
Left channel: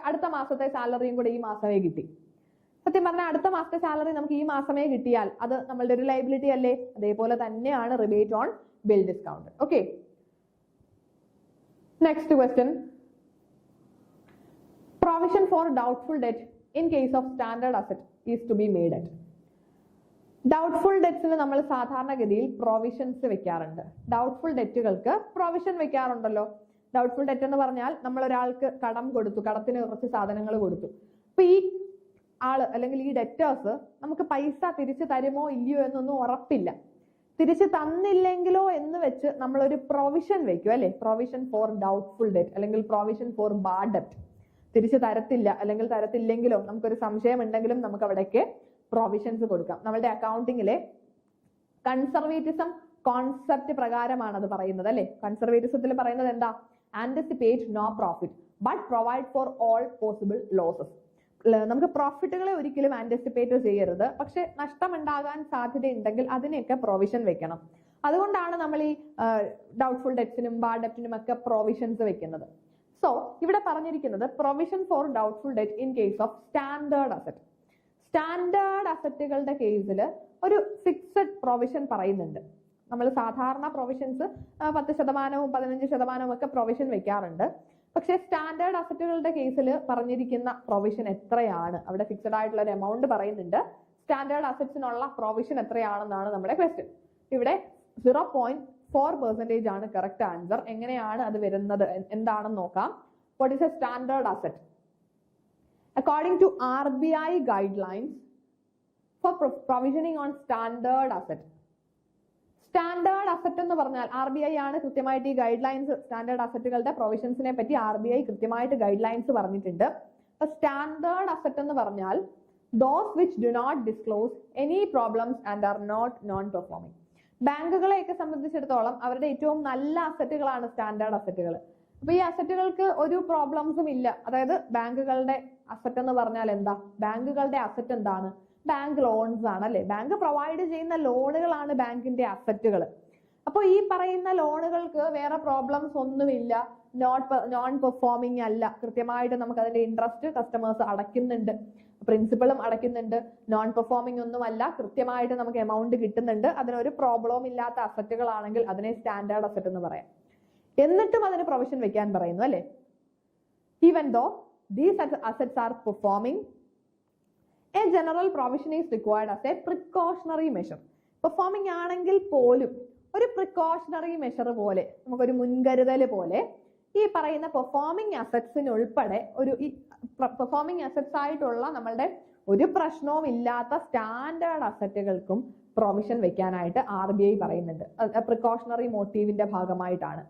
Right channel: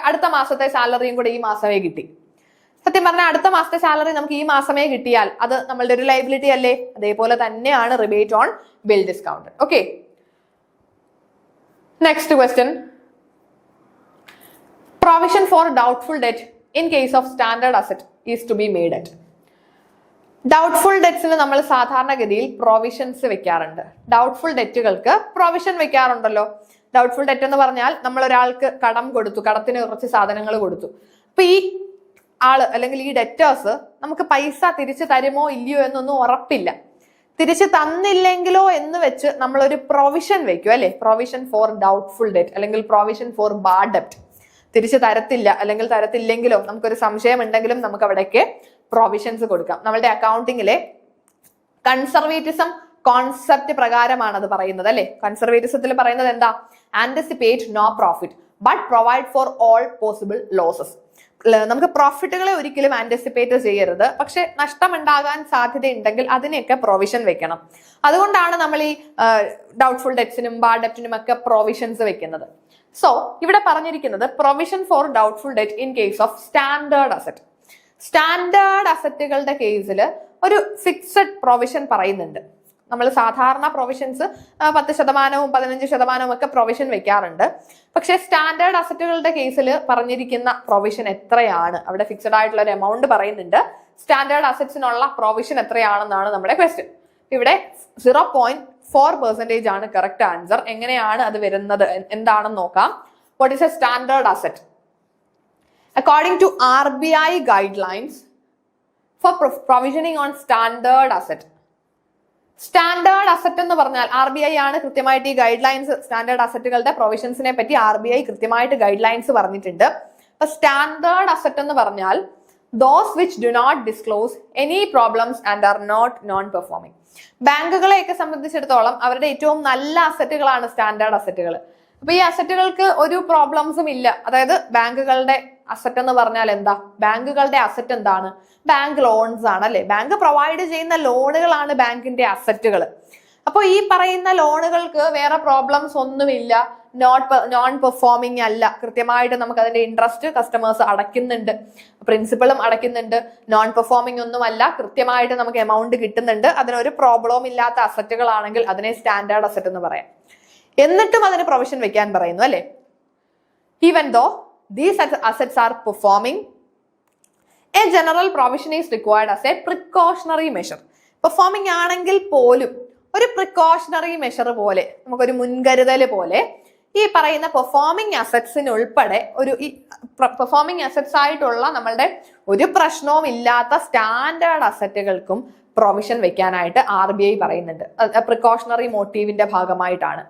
അടുത്ത മാസത്തെ സാലറിയും കൂടെ ഈ മാസമേ കിട്ടി. സത്യം പറഞ്ഞാൽ അടുത്ത മാസത്തെ സാലറി നമുക്ക് ഈ മാസമേ കിട്ടിയാൽ അത് നമ്മളുടെ ഒരു ലയബിലിറ്റി അല്ലേ. അതേപോലെ തന്നെയാണ് rebate on bill discount. Okay, next question. Provision for doubtful debt in case of standard asset is to be made at. Doubtful ഡെറ്റ്സിന് നമ്മൾ സാധാരണഗതിയിൽ പ്രൊവിഷൻസ് വെക്കാറുണ്ട്. ഡൗട്ട്ഫുൾ ഡെറ്റുകൾക്ക് പ്രൊവിഷൻ വെക്കാറുണ്ടല്ലോ. ഡൗട്ട്ഫുൾ ഡെറ്റ് എന്ന് പറഞ്ഞാൽ നമ്മൾ ഒരാൾക്ക് കടം കൊടുത്തു, കടത്തിന് കുറച്ച് സാധനങ്ങൾ കൊടുത്തു. അപ്പൊ ഈ ആള് അല്ലെങ്കിൽ ഈ ഡെറ്റേഴ്സ് നമുക്ക് പൈസ തിരിച്ചു തരുമോ ഇല്ലയോ എന്നൊന്നും ഉറപ്പില്ല. തിരിച്ചു തന്നില്ലെങ്കിലോ എന്ന് വെച്ച് നമ്മളൊരു പ്രൊവിഷൻ വെക്കും അല്ലെ. പ്രൊവിഷൻ ഫോർ ഡൗട്ട്ഫുൾ ഡെറ്റ് അല്ലെങ്കിൽ പ്രൊവിഷൻ ഫോർ ബാഡ് ഡെറ്റ്. തിരിച്ചു തരത്തില്ല അല്ലെങ്കിൽ തരത്തില്ലെങ്കിലോ നമുക്കൊരു സംശയം ഉണ്ടെങ്കിലും നമുക്ക് അവിടേക്ക് പ്രൊവിഷൻസ് കൊടുക്കാം. നമ്മളുടെ അക്കൗണ്ടിങ്ങിലെ കൺസർവേറ്റിസം കോൺസെപ്റ്റ് പ്രകാരമാണ് അത് പറയുന്നത് അല്ലെ. കൺസർവേറ്റിസത്തിൽ പറയുന്നത് എന്താ? Anticipate no profit but provide for all possible losses. നമുക്ക് പ്രോഫിറ്റുകളെ ഒരിക്കലും ആന്റിസിപ്പേറ്റ് ചെയ്യരുത്, പക്ഷെ നഷ്ടമുണ്ടാകാൻ സാധ്യതയുണ്ടെങ്കിൽ അതിനെയൊക്കെ പ്രൊവിഷൻ വെക്കണം. അതുകൊണ്ടാണ് നമ്മൾ ഈ ഡൗട്ട്ഫുൾ ഡെറ്റ്സിനും ബാഡ് ഡെറ്റിനും ഒക്കെ പ്രൊവിഷൻസ് വെക്കുന്നത്. സോ ഇവിടെ പറഞ്ഞിരിക്കുന്നത് provision for doubtful debt in case of standard asset. Standard അസറ്റുകളുടെ കേസിൽ ഒരു ഫിക്സഡ് പ്രൊവിഷൻ പറയുന്നുണ്ട്. നമ്മൾ സാധാരണ പ്രൊവിഷൻസ് 10%, 15% ഒക്കെ പ്രൊവിഷൻ വെക്കാറുണ്ട്. പക്ഷേ സ്റ്റാൻഡേർഡ് അസറ്റുകളുടെ കേസിൽ പറഞ്ഞിരിക്കുന്ന പ്രൊവിഷൻ എത്രയാണ്? അവിടെ ഫിക്സഡ് ആയിട്ടുള്ള ഒരു എമൗണ്ട് പറയുന്നുണ്ട്. സ്റ്റാൻഡേർഡ് അസറ്റ്സിനുള്ള പ്രൊവിഷൻ എത്രയാണെന്നാണ് നമ്മുടെ ക്വസ്റ്റ്യൻ. ഇവിടെ 0.4% ആണ് കറക്റ്റ് ആൻസർ. എങ്ങനെയാണ് അത് വരുന്നത് എന്താണെന്ന് നോക്കാം. What is A standard asset? According to RBI guidelines for provisioning on standard asset. Standard asset എന്ന് പറഞ്ഞാൽ RBI ആണ് കൃത്യമായിട്ട് ഈ ഗൈഡ് ലൈൻസ്, സ്റ്റാൻഡേർഡ് അസറ്റുകളുടെ പ്രൊവിഷൻസിനെ പറ്റി RBI കൃത്യമായിട്ട് ഗൈഡ് ലൈൻസ് പറഞ്ഞിട്ടുണ്ട്. അപ്പൊ സ്റ്റാൻഡേർഡ് അസറ്റ് എന്ന് പറഞ്ഞാൽ those which do not disclose any problems and are not non-performing. ബാങ്കുകളെയൊക്കെ സംബന്ധിച്ചിടത്തോളം അവരുടെ ഏറ്റവും നല്ല അസറ്റുകളാണ് സ്റ്റാൻഡേർഡ് അസറ്റുകൾ. അപ്പൊ ഈ അസറ്റുകൾക്ക് ഒരു പ്രോബ്ലംസും ഇല്ല. അതായത് ബാങ്കുകളുടെ അസറ്റ് എന്ന് പറഞ്ഞാൽ എന്താ? ബാങ്കുകളുടെ അസറ്റ് എന്താണ്? ബാങ്ക് ലോൺസ് ആണ് അല്ലെ? ബാങ്ക് പ്രൊവൈഡ് ചെയ്യുന്ന ലോണുകളാണ് ബാങ്കിന്റെ അസറ്റുകൾ. അപ്പൊ ഈ പറയുന്ന ലോണുകൾക്ക് വേറെ പ്രോബ്ലംസ് ഒന്നുമില്ല, നോൺ പെർഫോമിംഗ് അല്ല, കൃത്യമായിട്ട് നമുക്ക് അതിന്റെ ഇൻട്രസ്റ്റ് കസ്റ്റമേഴ്സ് അടയ്ക്കുന്നുണ്ട്, പ്രിൻസിപ്പളും അടയ്ക്കുന്നുണ്ട്, നോൺ പെർഫോമിംഗ് ഒന്നുമല്ല, കൃത്യമായിട്ട് നമുക്ക് എമൗണ്ട് കിട്ടുന്നുണ്ട്, അതിനൊരു പ്രോബ്ലവും ഇല്ലാത്ത അസറ്റുകളാണെങ്കിൽ അതിനെ സ്റ്റാൻഡേർഡ് അസറ്റ് എന്ന് പറയാം. എന്നിട്ടും അതിന് പ്രൊവിഷൻ വെക്കാൻ പറയുന്നു അല്ലെ? Even though these assets are performing, a general provision is required as a precautionary measure. Performing ആണെങ്കിൽ പോലും ഒരു പ്രിക്കോഷണറി മെഷർ പോലെ, നമുക്കൊരു മുൻകരുതൽ പോലെ ഈ പറയുന്ന പെർഫോമിംഗ് അസറ്റ്സിന് ഉൾപ്പെടെ ഒരു പെർഫോമിംഗ് അസറ്റ്സ് ആയിട്ടുള്ള നമ്മളുടെ ഒരു പ്രശ്നവും ഇല്ലാത്ത സ്റ്റാൻഡേർഡ് അസറ്റുകൾക്കും പ്രൊവിഷൻ വെക്കാനായിട്ട് RBI പറയുന്നുണ്ട്. പ്രിക്കോഷണറി മോട്ടീവിന്റെ ഭാഗമായിട്ടാണ്.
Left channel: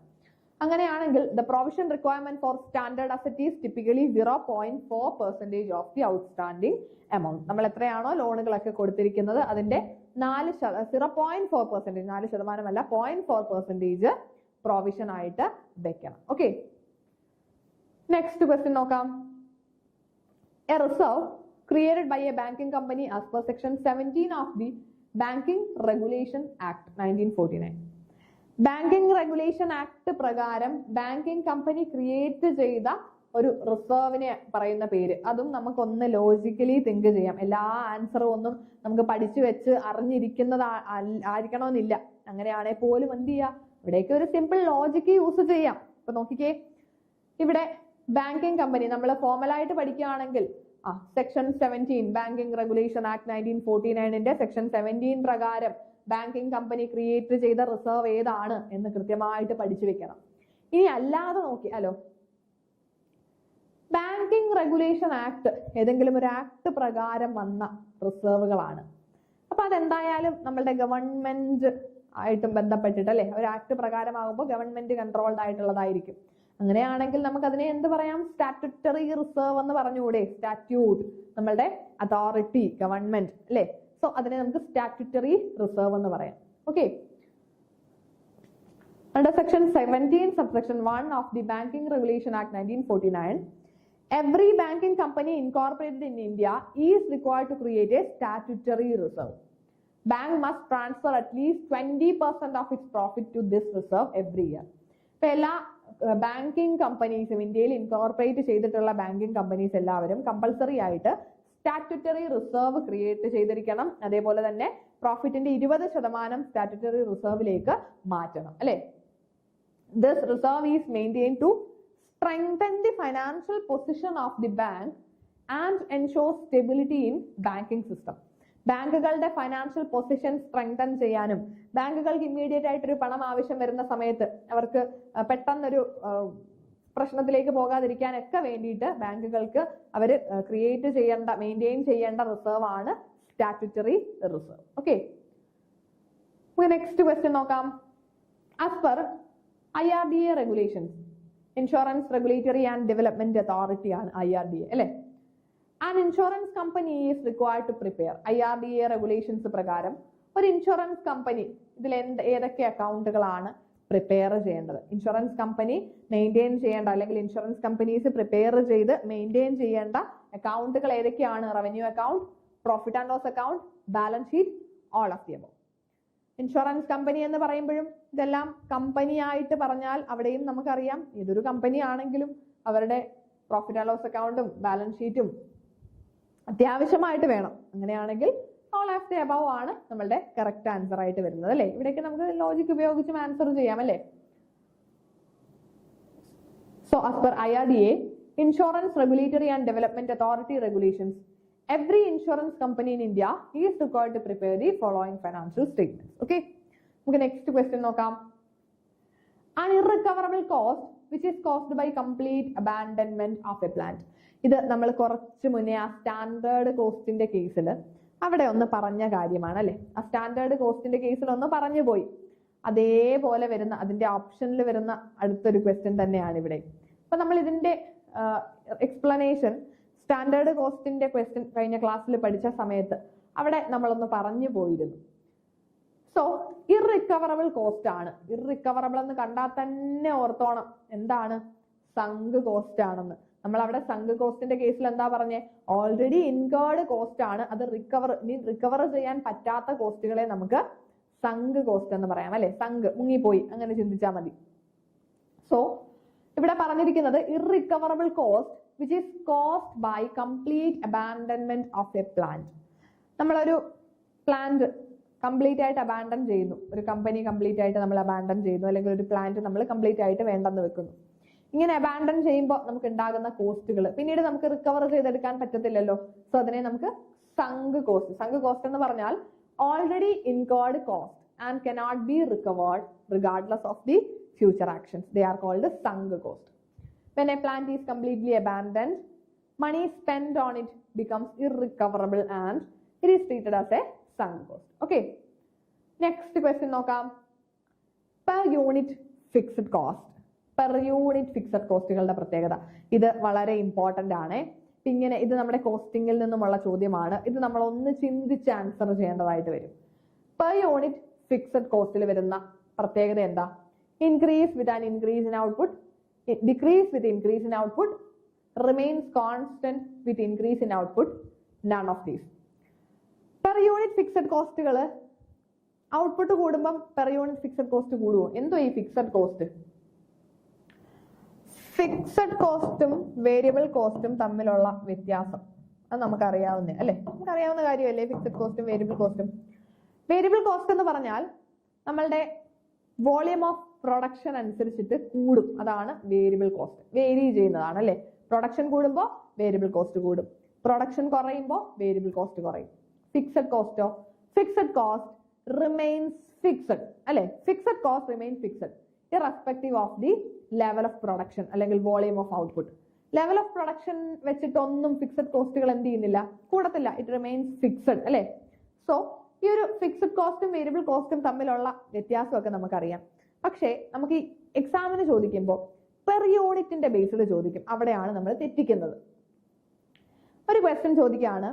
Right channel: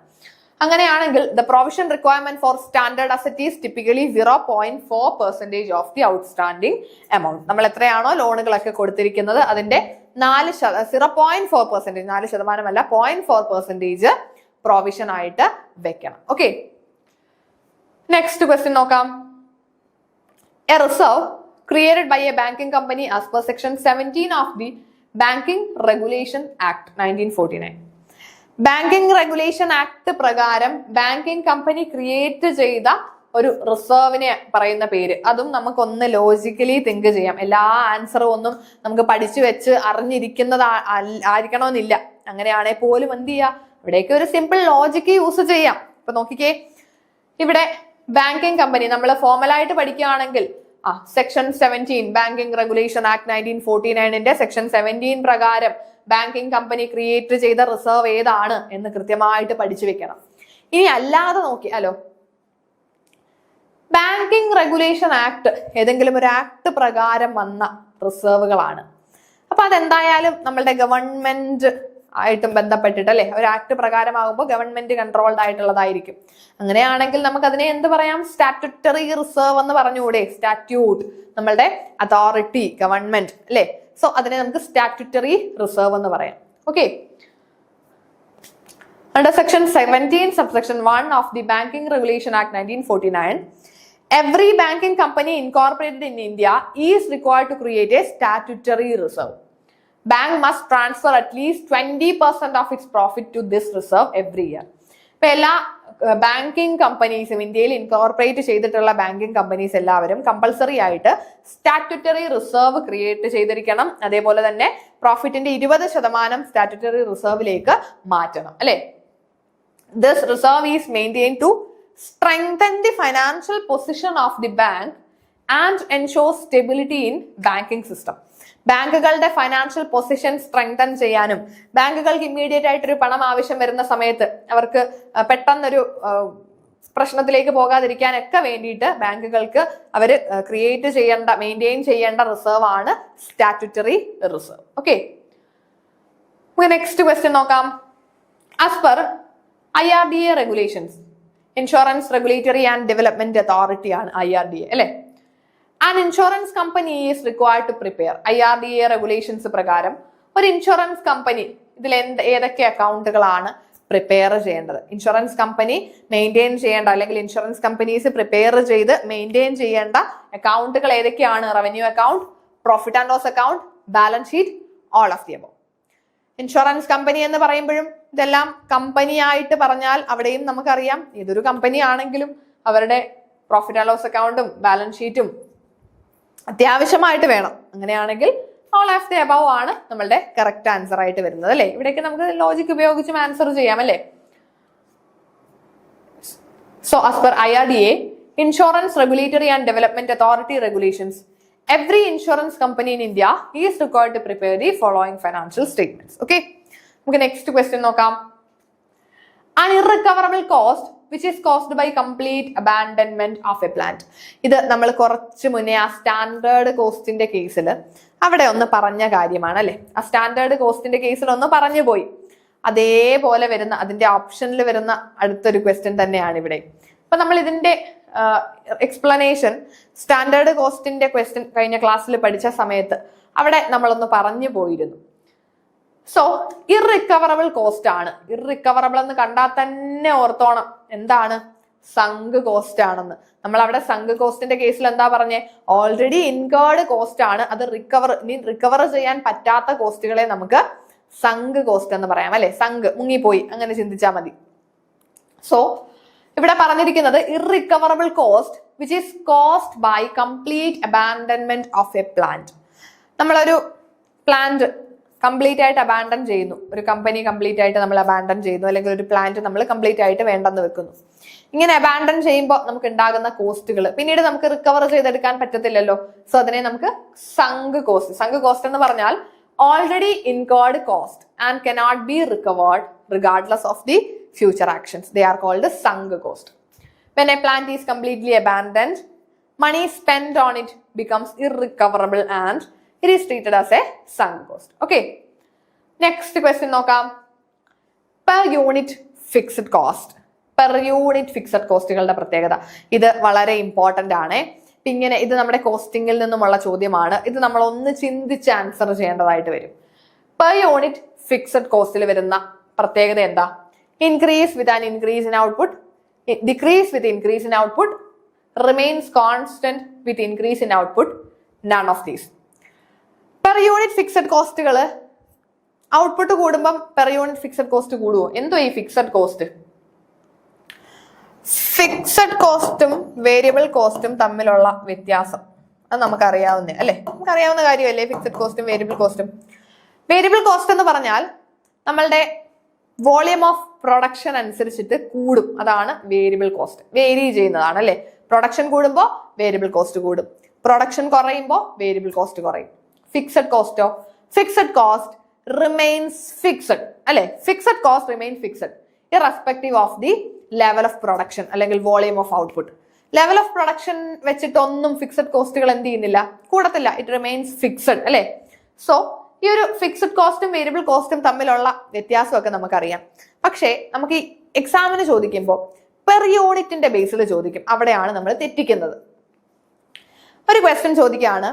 അങ്ങനെയാണെങ്കിൽ the provision requirement for standard asset is typically 0.4% of the outstanding amount. നമ്മൾ എത്രയാണോ ലോണുകളൊക്കെ കൊടുത്തിരിക്കുന്നത് അതിന്റെ 0.4%, 4%, 0.4% പ്രൊവിഷൻ ആയിട്ട് വെക്കണം. ഓക്കെ, നെക്സ്റ്റ് ക്വസ്റ്റ്യൻ നോക്കാം. A reserve created by a banking company as per section 17 of the banking regulation act 1949. Banking regulation act പ്രകാരം banking company create ചെയ്ത ഒരു റിസർവിനെ പറയുന്ന പേര്. അതും നമുക്കൊന്ന് ലോജിക്കലി തിങ്ക് ചെയ്യാം. എല്ലാ ആൻസറും ഒന്നും നമുക്ക് പഠിച്ചു വെച്ച് അറിഞ്ഞിരിക്കുന്നത് ആയിരിക്കണമെന്നില്ല. അങ്ങനെയാണെങ്കിൽ പോലും എന്ത് ചെയ്യാം, ഇവിടേക്ക് ഒരു സിമ്പിൾ ലോജിക്ക് യൂസ് ചെയ്യാം. ഇപ്പൊ നോക്കിക്കേ, ഇവിടെ ബാങ്കിങ് കമ്പനി നമ്മൾ ഫോർമലായിട്ട് പഠിക്കുകയാണെങ്കിൽ section 17 banking regulation act 1949 section 17 പ്രകാരം ബാങ്കിങ് കമ്പനി ക്രിയേറ്റ് ചെയ്ത റിസർവ് ഏതാണ് എന്ന് കൃത്യമായിട്ട് പഠിച്ചു വെക്കണം. ഇനി അല്ലാതെ നോക്കിയാലോ, ബാങ്കിങ് റെഗുലേഷൻ ആക്ട് ഏതെങ്കിലും ഒരു ആക്ട് പ്രകാരം വന്ന റിസർവുകളാണ്. അപ്പൊ അതെന്തായാലും നമ്മളുടെ ഗവൺമെന്റ് ആയിട്ടും ബന്ധപ്പെട്ടിട്ട് അല്ലെ, ഒരു ആക്ട് പ്രകാരമാകുമ്പോൾ ഗവൺമെന്റ് കൺട്രോൾഡ് ആയിട്ടുള്ളതായിരിക്കും. അങ്ങനെയാണെങ്കിൽ നമുക്ക് അതിനെ എന്ത് പറയാം? സ്റ്റാറ്റ്യൂട്ടറി റിസർവ് എന്ന് പറഞ്ഞുകൂടെ? സ്റ്റാറ്റ്യൂട്ട്, നമ്മളുടെ അതോറിറ്റി, ഗവൺമെന്റ് അല്ലെ. സോ അതിനെ നമുക്ക് സ്റ്റാറ്റ്യൂട്ടറി റിസർവ് എന്ന് പറയാം. Okay, under section 17 subsection 1 of the Banking Regulation Act 1949, every banking company incorporated in India is required to create a statutory reserve. Bank must transfer at least 20% of its profit to this reserve every year. ഇപ്പൊ എല്ലാ banking കമ്പനീസും, ഇന്ത്യയിൽ incorporate ചെയ്തിട്ടുള്ള banking companies എല്ലാവരും compulsory ആയിട്ട് statutory reserve create ചെയ്തിരിക്കണം. അതേപോലെ തന്നെ പ്രോഫിറ്റിന്റെ 20% statutory റിസർവിലേക്ക് മാറ്റണം അല്ലെ. This reserve is maintained to strengthen the financial position of the bank and ensure stability in banking system. ബാങ്കുകളുടെ ഫൈനാൻഷ്യൽ പൊസിഷൻ സ്ട്രെങ്തൻ ചെയ്യാനും ബാങ്കുകൾക്ക് ഇമ്മീഡിയറ്റ് ആയിട്ടൊരു പണം ആവശ്യം വരുന്ന സമയത്ത് അവർക്ക് പെട്ടെന്നൊരു പ്രശ്നത്തിലേക്ക് പോകാതിരിക്കാനൊക്കെ വേണ്ടിയിട്ട് ബാങ്കുകൾക്ക് അവർ ക്രിയേറ്റ് ചെയ്യേണ്ട, മെയിൻറ്റെയിൻ ചെയ്യേണ്ട റിസർവ് ആണ് statutory reserve. Okay, next question നോക്കാം. As per IRDA regulations, insurance regulatory and development authority ആണ് IRDA അല്ലെ. An insurance company is required to prepare. IRDA regulations പ്രകാരം ഒരു ഇൻഷുറൻസ് കമ്പനി ഇതിൽ ഏതൊക്കെ അക്കൗണ്ടുകളാണ് പ്രിപ്പയർ ചെയ്യേണ്ടത്? ഇൻഷുറൻസ് കമ്പനി മെയിൻറ്റെയിൻ ചെയ്യേണ്ട, അല്ലെങ്കിൽ ഇൻഷുറൻസ് കമ്പനീസ് പ്രിപ്പയർ ചെയ്ത് മെയിൻറ്റെയിൻ ചെയ്യേണ്ട അക്കൗണ്ടുകൾ ഏതൊക്കെയാണ്? Revenue account, profit and loss account, balance sheet, all of the above. Insurance company എന്ന് പറയുമ്പോഴും ഇതെല്ലാം കമ്പനി ആയിട്ട് പറഞ്ഞാൽ അവിടെയും നമുക്കറിയാം ഏതൊരു കമ്പനി ആണെങ്കിലും അവരുടെ പ്രോഫിറ്റ് ആൻഡ് ലോസ് അക്കൗണ്ടും ബാലൻസ് ഷീറ്റും അത്യാവശ്യമായിട്ട് വേണം. അങ്ങനെയാണെങ്കിൽ ഓൾ ഓഫ് ദി അബവ് ആണ് നമ്മളുടെ കറക്റ്റ് ആൻസർ ആയിട്ട് വരുന്നത് അല്ലെ. ഇവിടേക്ക് നമുക്ക് ലോജിക് ഉപയോഗിച്ചും ആൻസർ ചെയ്യാം അല്ലെ. So as per IRDA, insurance regulatory and development authority regulations, every insurance company in India is required to prepare the following financial statements. Okay, നമുക്ക് നെക്സ്റ്റ് ക്വസ്റ്റ്യൻ നോക്കാം. An irrecoverable cost which is caused by complete abandonment of a plant. ഇത് നമ്മൾ കുറച്ച് മുന്നേ ആ standard കോസ്റ്റിന്റെ കേസിൽ അവിടെ ഒന്ന് പറഞ്ഞ കാര്യമാണ് അല്ലെ. ആ സ്റ്റാൻഡേർഡ് കോസ്റ്റിന്റെ കേസിൽ ഒന്ന് പറഞ്ഞു പോയി. അതേപോലെ വരുന്ന, അതിന്റെ ഓപ്ഷനിൽ വരുന്ന അടുത്തൊരു ക്വസ്റ്റ്യൻ തന്നെയാണ് ഇവിടെ. അപ്പൊ നമ്മൾ ഇതിന്റെ എക്സ്പ്ലനേഷൻ സ്റ്റാൻഡേർഡ് കോസ്റ്റിന്റെ ക്വസ്റ്റ്യൻ കഴിഞ്ഞ ക്ലാസ്സിൽ പഠിച്ച സമയത്ത് അവിടെ നമ്മളൊന്ന് പറഞ്ഞു പോയിരുന്നു. സോ ഇർറിക്കവറബിൾ കോസ്റ്റ് ആണ്. ഇർറിക്കവറബിൾ എന്ന് കണ്ടാൽ തന്നെ ഓർത്തോണം എന്താണ്, സങ്ക് കോസ്റ്റ് ആണെന്ന്. നമ്മൾ അവിടെ സങ്ക് കോസ്റ്റിന്റെ കേസിൽ എന്താ പറഞ്ഞേ, ഓൾറെഡി ഇൻകേർഡ് കോസ്റ്റ് ആണ്, അത് റിക്കവർ ചെയ്യാൻ പറ്റാത്ത കോസ്റ്റുകളെ നമുക്ക് സങ്ക് കോസ്റ്റ് എന്ന് പറയാം അല്ലെ. സങ്ക്, മുങ്ങിപ്പോയി, അങ്ങനെ ചിന്തിച്ചാൽ മതി. സോ ഇവിടെ പറഞ്ഞിരിക്കുന്നത് irrecoverable cost which is cost by complete abandonment of a plant. നമ്മളൊരു പ്ലാന്റ് കംപ്ലീറ്റ് ആയിട്ട് അബാൻഡൻ ചെയ്യുന്നു, ഒരു കമ്പനി കംപ്ലീറ്റ് ആയിട്ട് നമ്മൾ അബാൻഡൻ ചെയ്യുന്നു, അല്ലെങ്കിൽ ഒരു പ്ലാന്റ് നമ്മൾ കംപ്ലീറ്റ് ആയിട്ട് വേണ്ടെന്ന് വെക്കുന്നു. ഇങ്ങനെ അബാൻഡൻ ചെയ്യുമ്പോൾ നമുക്ക് ഉണ്ടാകുന്ന കോസ്റ്റുകൾ പിന്നീട് നമുക്ക് റിക്കവർ ചെയ്തെടുക്കാൻ പറ്റത്തില്ലല്ലോ. സോ അതിനെ നമുക്ക് സങ്ക് കോസ്റ്റ്. സങ്ക് കോസ്റ്റ് എന്ന് പറഞ്ഞാൽ already incurred cost and cannot be recovered regardless of the future actions. They are called sunk cost. When a plant is completely abandoned, money spent on it becomes irrecoverable and it is treated as a sunk cost. Okay. Next question നോക്കാം. Per unit fixed cost. Per unit fixed കോസ്റ്റുകളുടെ പ്രത്യേകത ഇത് വളരെ important ആണ്. ഇങ്ങനെ ഇത് നമ്മുടെ കോസ്റ്റിംഗിൽ നിന്നുമുള്ള ചോദ്യമാണ്. ഇത് നമ്മൾ ഒന്ന് ചിന്തിച്ച് ആൻസർ ചെയ്യേണ്ടതായിട്ട് വരും. Per unit fixed കോസ്റ്റിൽ വരുന്ന പ്രത്യേകത എന്താ? Increase with an increase in output, decrease with increase in output, remains constant with increase in output, none of these. Per unit fixed കോസ്റ്റുകൾ ഔട്ട്പുട്ട് കൂടുമ്പം per unit fixed കോസ്റ്റ് കൂടുമോ? എന്തോ ഈ fixed cost? Fixed കോസ്റ്റും variable കോസ്റ്റും തമ്മിലുള്ള വ്യത്യാസം അത് നമുക്കറിയാവുന്നേ അല്ലെ, നമുക്കറിയാവുന്ന കാര്യമല്ലേ ഫിക്സഡ് കോസ്റ്റും വേരിയബിൾ കോസ്റ്റും. വേരിയബിൾ കോസ്റ്റ് എന്ന് പറഞ്ഞാൽ നമ്മളുടെ വോളിയം ഓഫ് പ്രൊഡക്ഷൻ അനുസരിച്ചിട്ട് കൂടും, അതാണ് വേരിയബിൾ കോസ്റ്റ്. വേരി ചെയ്യുന്നതാണ് അല്ലെ. പ്രൊഡക്ഷൻ കൂടുമ്പോൾ വേരിയബിൾ കോസ്റ്റ് കൂടും, പ്രൊഡക്ഷൻ കുറയുമ്പോൾ വേരിയബിൾ കോസ്റ്റ് കുറയും. ഫിക്സഡ് കോസ്റ്റോ? ഫിക്സഡ് കോസ്റ്റ് റിമെയിൻസ് ഫിക്സഡ് അല്ലെ. Fixed cost remain fixed irrespective of the level of production അല്ലെങ്കിൽ volume of output. Level of production വെച്ചിട്ടൊന്നും ഫിക്സഡ് കോസ്റ്റുകൾ എന്ത് ചെയ്യുന്നില്ല, കൂടത്തില്ല. ഇറ്റ് റിമെയിൻസ് ഫിക്സഡ് അല്ലെ. സോ ഈ ഒരു ഫിക്സഡ് കോസ്റ്റും വേരിയബിൾ കോസ്റ്റും തമ്മിലുള്ള വ്യത്യാസമൊക്കെ നമുക്കറിയാം. പക്ഷേ നമുക്ക് ഈ എക്സാമിന് ചോദിക്കുമ്പോൾ പെർ യൂണിറ്റിന്റെ ബേസിൽ ചോദിക്കും, അവിടെയാണ് നമ്മൾ തെറ്റിക്കുന്നത്. ഒരു ക്വസ്റ്റ്യൻ ചോദിക്കുകയാണ്,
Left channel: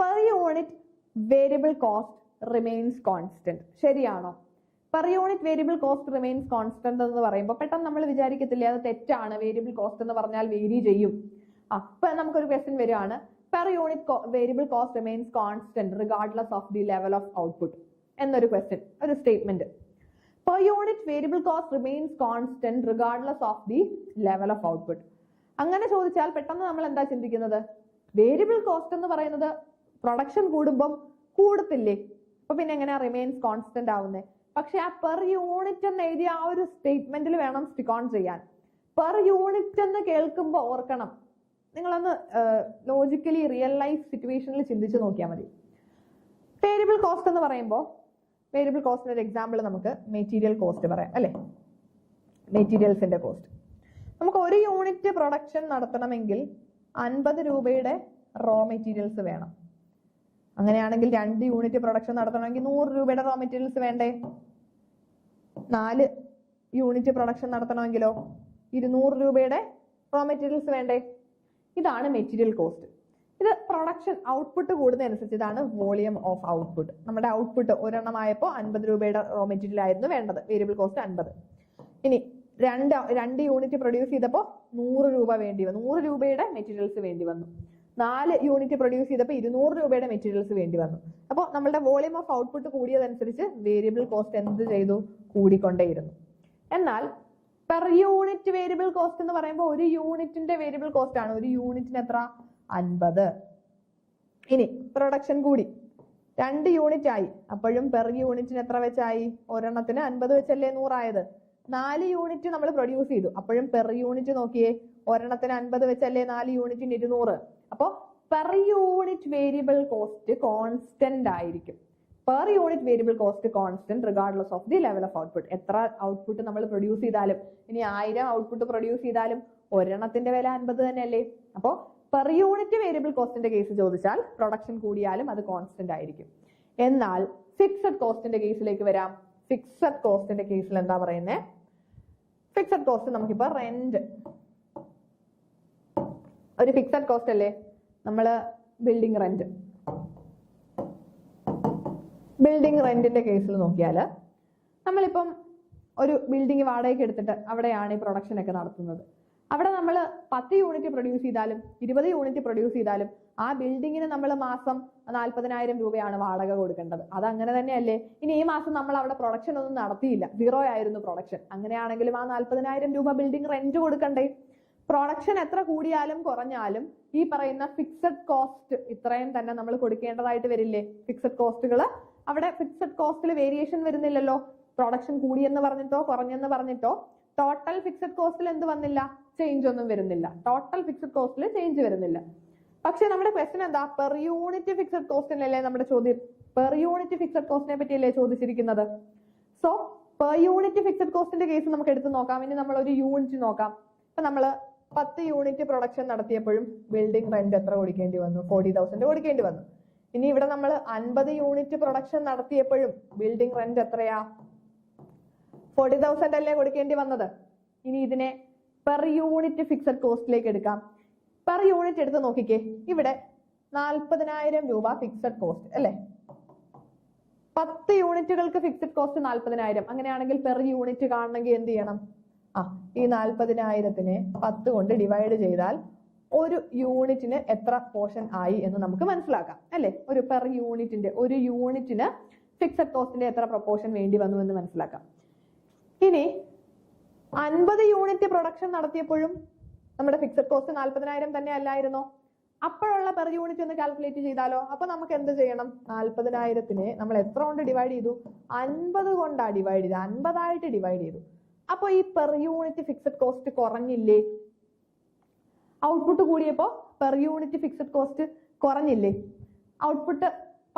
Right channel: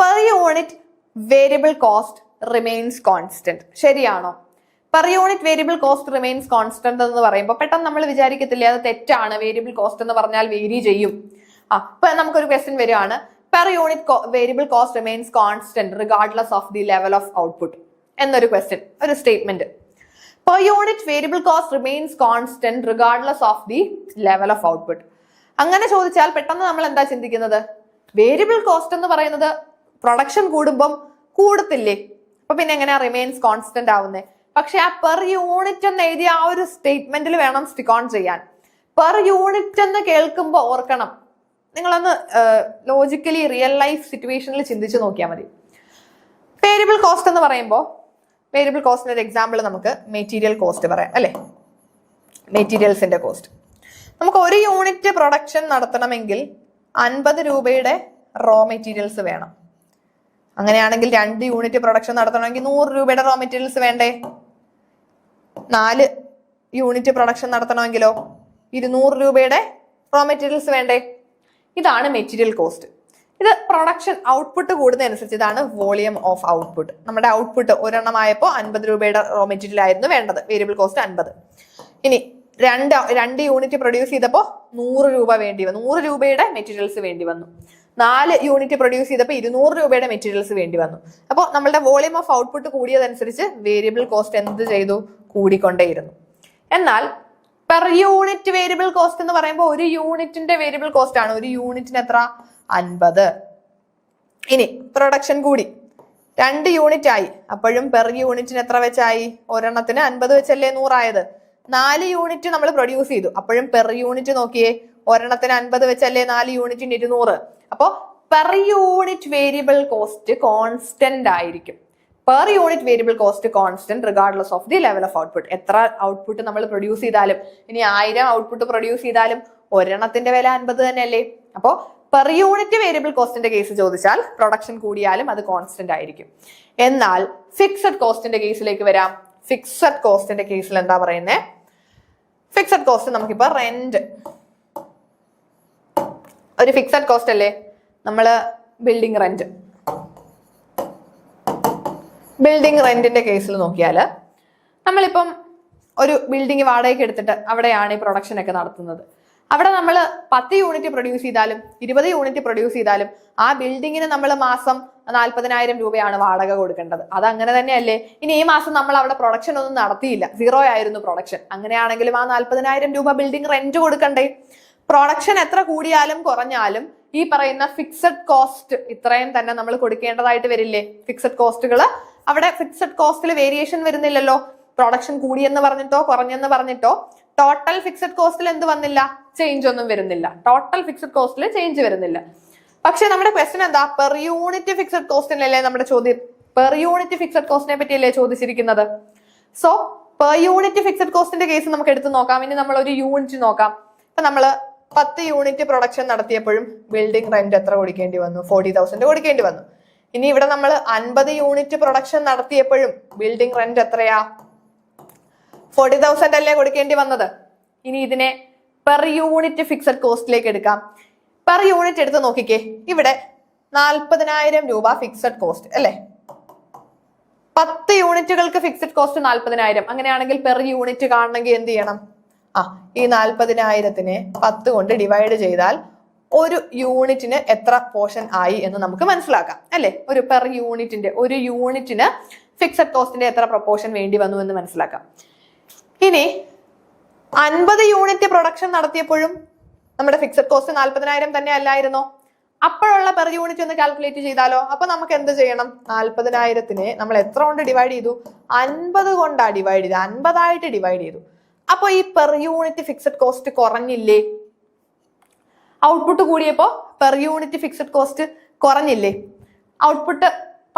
per unit variable cost remains constant. ശരിയാണോ? Per unit variable cost remains constant എന്ന് പറയുമ്പോൾ പെട്ടെന്ന് നമ്മൾ വിചാരിക്കത്തില്ലേ അത് തെറ്റാണ്, വേരിയബിൾ കോസ്റ്റ് എന്ന് പറഞ്ഞാൽ വേരി ചെയ്യും. ഇപ്പൊ നമുക്കൊരു ക്വസ്റ്റ്യൻ വരികയാണ്, per unit variable cost remains constant regardless of the level of output എന്നൊരു ക്വസ്റ്റ്യൻ, ഒരു statement. Per unit variable cost remains constant regardless of the level of output. അങ്ങനെ ചോദിച്ചാൽ പെട്ടെന്ന് നമ്മൾ എന്താ ചിന്തിക്കുന്നത്, വേരിയബിൾ കോസ്റ്റ് എന്ന് പറയുന്നത് പ്രൊഡക്ഷൻ കൂടുമ്പം കൂടത്തില്ലേ, അപ്പൊ പിന്നെ എങ്ങനെയാ റിമെയിൻസ് കോൺസ്റ്റന്റ് ആവുന്നത്? പക്ഷെ ആ പെർ യൂണിറ്റ് എന്ന് എഴുതിയ ആ ഒരു സ്റ്റേറ്റ്മെന്റിൽ വേണം സ്റ്റിക്ക് ഓൺ ചെയ്യാൻ. പെർ യൂണിറ്റ് എന്ന് കേൾക്കുമ്പോൾ ഓർക്കണം, നിങ്ങളൊന്ന് ലോജിക്കലി റിയൽ ലൈഫ് സിറ്റുവേഷനിൽ ചിന്തിച്ച് നോക്കിയാൽ മതി. വേരിയബിൾ കോസ്റ്റ് എന്ന് പറയുമ്പോൾ വേരിയബിൾ കോസ്റ്റിന്റെ ഒരു എക്സാമ്പിൾ നമുക്ക് മെറ്റീരിയൽ കോസ്റ്റ് പറയാം അല്ലെ. മെറ്റീരിയൽസിന്റെ കോസ്റ്റ്, നമുക്ക് ഒരു യൂണിറ്റ് പ്രൊഡക്ഷൻ നടത്തണമെങ്കിൽ 50 രൂപയുടെ റോ മെറ്റീരിയൽസ് വേണം. അങ്ങനെയാണെങ്കിൽ 2 യൂണിറ്റ് പ്രൊഡക്ഷൻ നടത്തണമെങ്കിൽ 100 രൂപയുടെ റോ മെറ്റീരിയൽസ് വേണ്ടേ? 4 യൂണിറ്റ് പ്രൊഡക്ഷൻ നടത്തണമെങ്കിലോ 200 രൂപയുടെ റോ മെറ്റീരിയൽസ് വേണ്ടേ? ഇതാണ് മെറ്റീരിയൽ കോസ്റ്റ്. ഇത് പ്രൊഡക്ഷൻ ഔട്ട്പുട്ട് കൂടുന്നതനുസരിച്ച് ഇതാണ് വോളിയം ഓഫ് ഔട്ട്പുട്ട്. നമ്മുടെ ഔട്ട്പുട്ട് ഒരെണ്ണമായപ്പോൾ 50 രൂപയുടെ റോ മെറ്റീരിയൽ ആയിരുന്നു വേണ്ടത്, വേരിയബിൾ കോസ്റ്റ് 50. ഇനി 2 യൂണിറ്റ് പ്രൊഡ്യൂസ് ചെയ്തപ്പോൾ 100 രൂപ വേണ്ടി വന്നു, 100 രൂപയുടെ മെറ്റീരിയൽസ് വേണ്ടി വന്നു. 4 യൂണിറ്റ് പ്രൊഡ്യൂസ് ചെയ്തപ്പോൾ 200 രൂപയുടെ മെറ്റീരിയൽസ് വേണ്ടി വന്നു. അപ്പോൾ നമ്മളുടെ വോളിയം ഓഫ് ഔട്ട്പുട്ട് കൂടിയതനുസരിച്ച് വേരിയബിൾ കോസ്റ്റ് എന്ത് ചെയ്തു? കൂടിക്കൊണ്ടേയിരുന്നു. എന്നാൽ പെർ യൂണിറ്റ് വേരിയബിൾ കോസ്റ്റ് എന്ന് പറയുമ്പോൾ ഒരു യൂണിറ്റിന്റെ വേരിയബിൾ കോസ്റ്റ് ആണ്. ഒരു യൂണിറ്റിന് എത്ര? 50. ഇനി പ്രൊഡക്ഷൻ കൂടി 2 യൂണിറ്റ് ആയി, അപ്പോഴും പെർ യൂണിറ്റിന് എത്ര വെച്ചായി? ഒരെണ്ണത്തിന് 50 വെച്ചല്ലേ 100 ആയത്. 4 യൂണിറ്റ് നമ്മൾ പ്രൊഡ്യൂസ് ചെയ്തു, അപ്പോഴും പെർ യൂണിറ്റ് നോക്കിയേ, ഒരെണ്ണത്തിന് 50 വെച്ചല്ലേ 4 യൂണിറ്റിന് 200. അപ്പോ per unit variable cost constant ആയിരിക്കും. Per unit variable cost constant regardless of the level of output. എത്ര ഔട്ട്പുട്ട് നമ്മൾ പ്രൊഡ്യൂസ് ചെയ്താലും, ഇനി 1000 ഔട്ട്പുട്ട് പ്രൊഡ്യൂസ് ചെയ്താലും ഒരെണ്ണത്തിന്റെ വില 50 തന്നെയല്ലേ. അപ്പോൾ പെർ യൂണിറ്റ് വേരിയബിൾ കോസ്റ്റിന്റെ കേസ് ചോദിച്ചാൽ പ്രൊഡക്ഷൻ കൂടിയാലും അത് കോൺസ്റ്റന്റ് ആയിരിക്കും. എന്നാൽ ഫിക്സഡ് കോസ്റ്റിന്റെ കേസിലേക്ക് വരാം. ഫിക്സഡ് കോസ്റ്റിന്റെ കേസിൽ എന്താ പറയുന്നത്? ഫിക്സഡ് കോസ്റ്റ് നമുക്കിപ്പോ റെന്റ്, ഒരു ഫിക്സഡ് കോസ്റ്റ് അല്ലേ നമ്മൾ ബിൽഡിംഗ് റെന്റിന്റെ കേസിൽ നോക്കിയാൽ നമ്മളിപ്പം ഒരു ബിൽഡിംഗ് വാടകയ്ക്ക് എടുത്തിട്ട് അവിടെയാണ് ഈ പ്രൊഡക്ഷൻ ഒക്കെ നടത്തുന്നത്. അവിടെ നമ്മൾ 10 യൂണിറ്റ് പ്രൊഡ്യൂസ് ചെയ്താലും 20 യൂണിറ്റ് പ്രൊഡ്യൂസ് ചെയ്താലും ആ ബിൽഡിങ്ങിന് നമ്മൾ മാസം 40,000 രൂപയാണ് വാടക കൊടുക്കേണ്ടത്. അത് അങ്ങനെ തന്നെയല്ലേ? ഇനി ഈ മാസം നമ്മൾ അവിടെ പ്രൊഡക്ഷൻ ഒന്നും നടത്തിയില്ല, 0 ആയിരുന്നു പ്രൊഡക്ഷൻ, അങ്ങനെയാണെങ്കിലും ആ 40,000 രൂപ ബിൽഡിംഗ് റെന്റ് കൊടുക്കണ്ടേ? പ്രൊഡക്ഷൻ എത്ര കൂടിയാലും കുറഞ്ഞാലും ഈ പറയുന്ന ഫിക്സഡ് കോസ്റ്റ് ഇത്രയും തന്നെ നമ്മൾ കൊടുക്കേണ്ടതായിട്ട് വരില്ലേ? ഫിക്സഡ് കോസ്റ്റുകൾ അവിടെ ഫിക്സഡ് കോസ്റ്റിൽ വേരിയേഷൻ വരുന്നില്ലല്ലോ. പ്രൊഡക്ഷൻ കൂടിയെന്ന് പറഞ്ഞിട്ടോ കുറഞ്ഞെന്ന് പറഞ്ഞിട്ടോ ടോട്ടൽ ഫിക്സഡ് കോസ്റ്റിൽ എന്ത് വന്നില്ല? ചേഞ്ച് ഒന്നും വരുന്നില്ല. ടോട്ടൽ ഫിക്സഡ് കോസ്റ്റിൽ ചേഞ്ച് വരുന്നില്ല. പക്ഷെ നമ്മുടെ ക്വസ്റ്റ്യൻ എന്താ? പെർ യൂണിറ്റ് ഫിക്സഡ് കോസ്റ്റിനല്ലേ നമ്മുടെ ചോദ്യം. പെർ യൂണിറ്റ് ഫിക്സഡ് കോസ്റ്റിനെ പറ്റിയല്ലേ ചോദിച്ചിരിക്കുന്നത്. സോ പെർ യൂണിറ്റ് ഫിക്സഡ് കോസ്റ്റിന്റെ കേസ് നമുക്ക് എടുത്ത് നോക്കാം. ഇനി നമ്മൾ ഒരു യൂണിറ്റ് നോക്കാം. ഇപ്പൊ നമ്മള് 10 യൂണിറ്റ് പ്രൊഡക്ഷൻ നടത്തിയപ്പോഴും ബിൽഡിംഗ് റെന്റ് എത്ര കൊടുക്കേണ്ടി വന്നു? 40,000 കൊടുക്കേണ്ടി വന്നു. ഇനി ഇവിടെ നമ്മൾ 50 യൂണിറ്റ് പ്രൊഡക്ഷൻ നടത്തിയപ്പോഴും ബിൽഡിംഗ് റെന്റ് എത്രയാ? 40,000 അല്ലേ കൊടുക്കേണ്ടി വന്നത്. ഇനി ഇതിനെ പെർ യൂണിറ്റ് ഫിക്സഡ് കോസ്റ്റിലേക്ക് എടുക്കാം. പെർ യൂണിറ്റ് എടുത്ത് നോക്കിക്കേ. ഇവിടെ 40,000 രൂപ ഫിക്സഡ് കോസ്റ്റ് അല്ലേ? 10 യൂണിറ്റുകൾക്ക് ഫിക്സഡ് കോസ്റ്റ് 40,000. അങ്ങനെയാണെങ്കിൽ പെർ യൂണിറ്റ് കാണണമെങ്കിൽ എന്ത് ചെയ്യണം? ഈ 40,000-നെ 10 കൊണ്ട് ഡിവൈഡ് ചെയ്താൽ ഒരു യൂണിറ്റിന് എത്ര പോർഷൻ ആയി എന്ന് നമുക്ക് മനസ്സിലാക്കാം അല്ലെ? ഒരു പെർ യൂണിറ്റിന് ഫിക്സഡ് കോസ്റ്റിന്റെ എത്ര പ്രൊപ്പോർഷൻ വേണ്ടി വന്നു എന്ന് മനസ്സിലാക്കാം. ഇനി 50 യൂണിറ്റ് പ്രൊഡക്ഷൻ നടത്തിയപ്പോഴും നമ്മുടെ ഫിക്സഡ് കോസ്റ്റ് 40,000 തന്നെ അല്ലായിരുന്നോ? അപ്പോഴുള്ള പെർ യൂണിറ്റ് ഒന്ന് കാൽക്കുലേറ്റ് ചെയ്താലോ? അപ്പൊ നമുക്ക് എന്ത് ചെയ്യണം? 40,000-നെ നമ്മൾ എത്ര കൊണ്ട് ഡിവൈഡ് ചെയ്തു? 50 കൊണ്ടാ ഡിവൈഡ് ചെയ്ത്, 50 ആയിട്ട് ഡിവൈഡ് ചെയ്തു. അപ്പൊ ഈ പെർ യൂണിറ്റ് ഫിക്സഡ് കോസ്റ്റ് കുറഞ്ഞില്ലേ? ഔട്ട്പുട്ട് കൂടിയപ്പോ പെർ യൂണിറ്റ് ഫിക്സഡ് കോസ്റ്റ് കുറഞ്ഞില്ലേ? ഔട്ട്പുട്ട്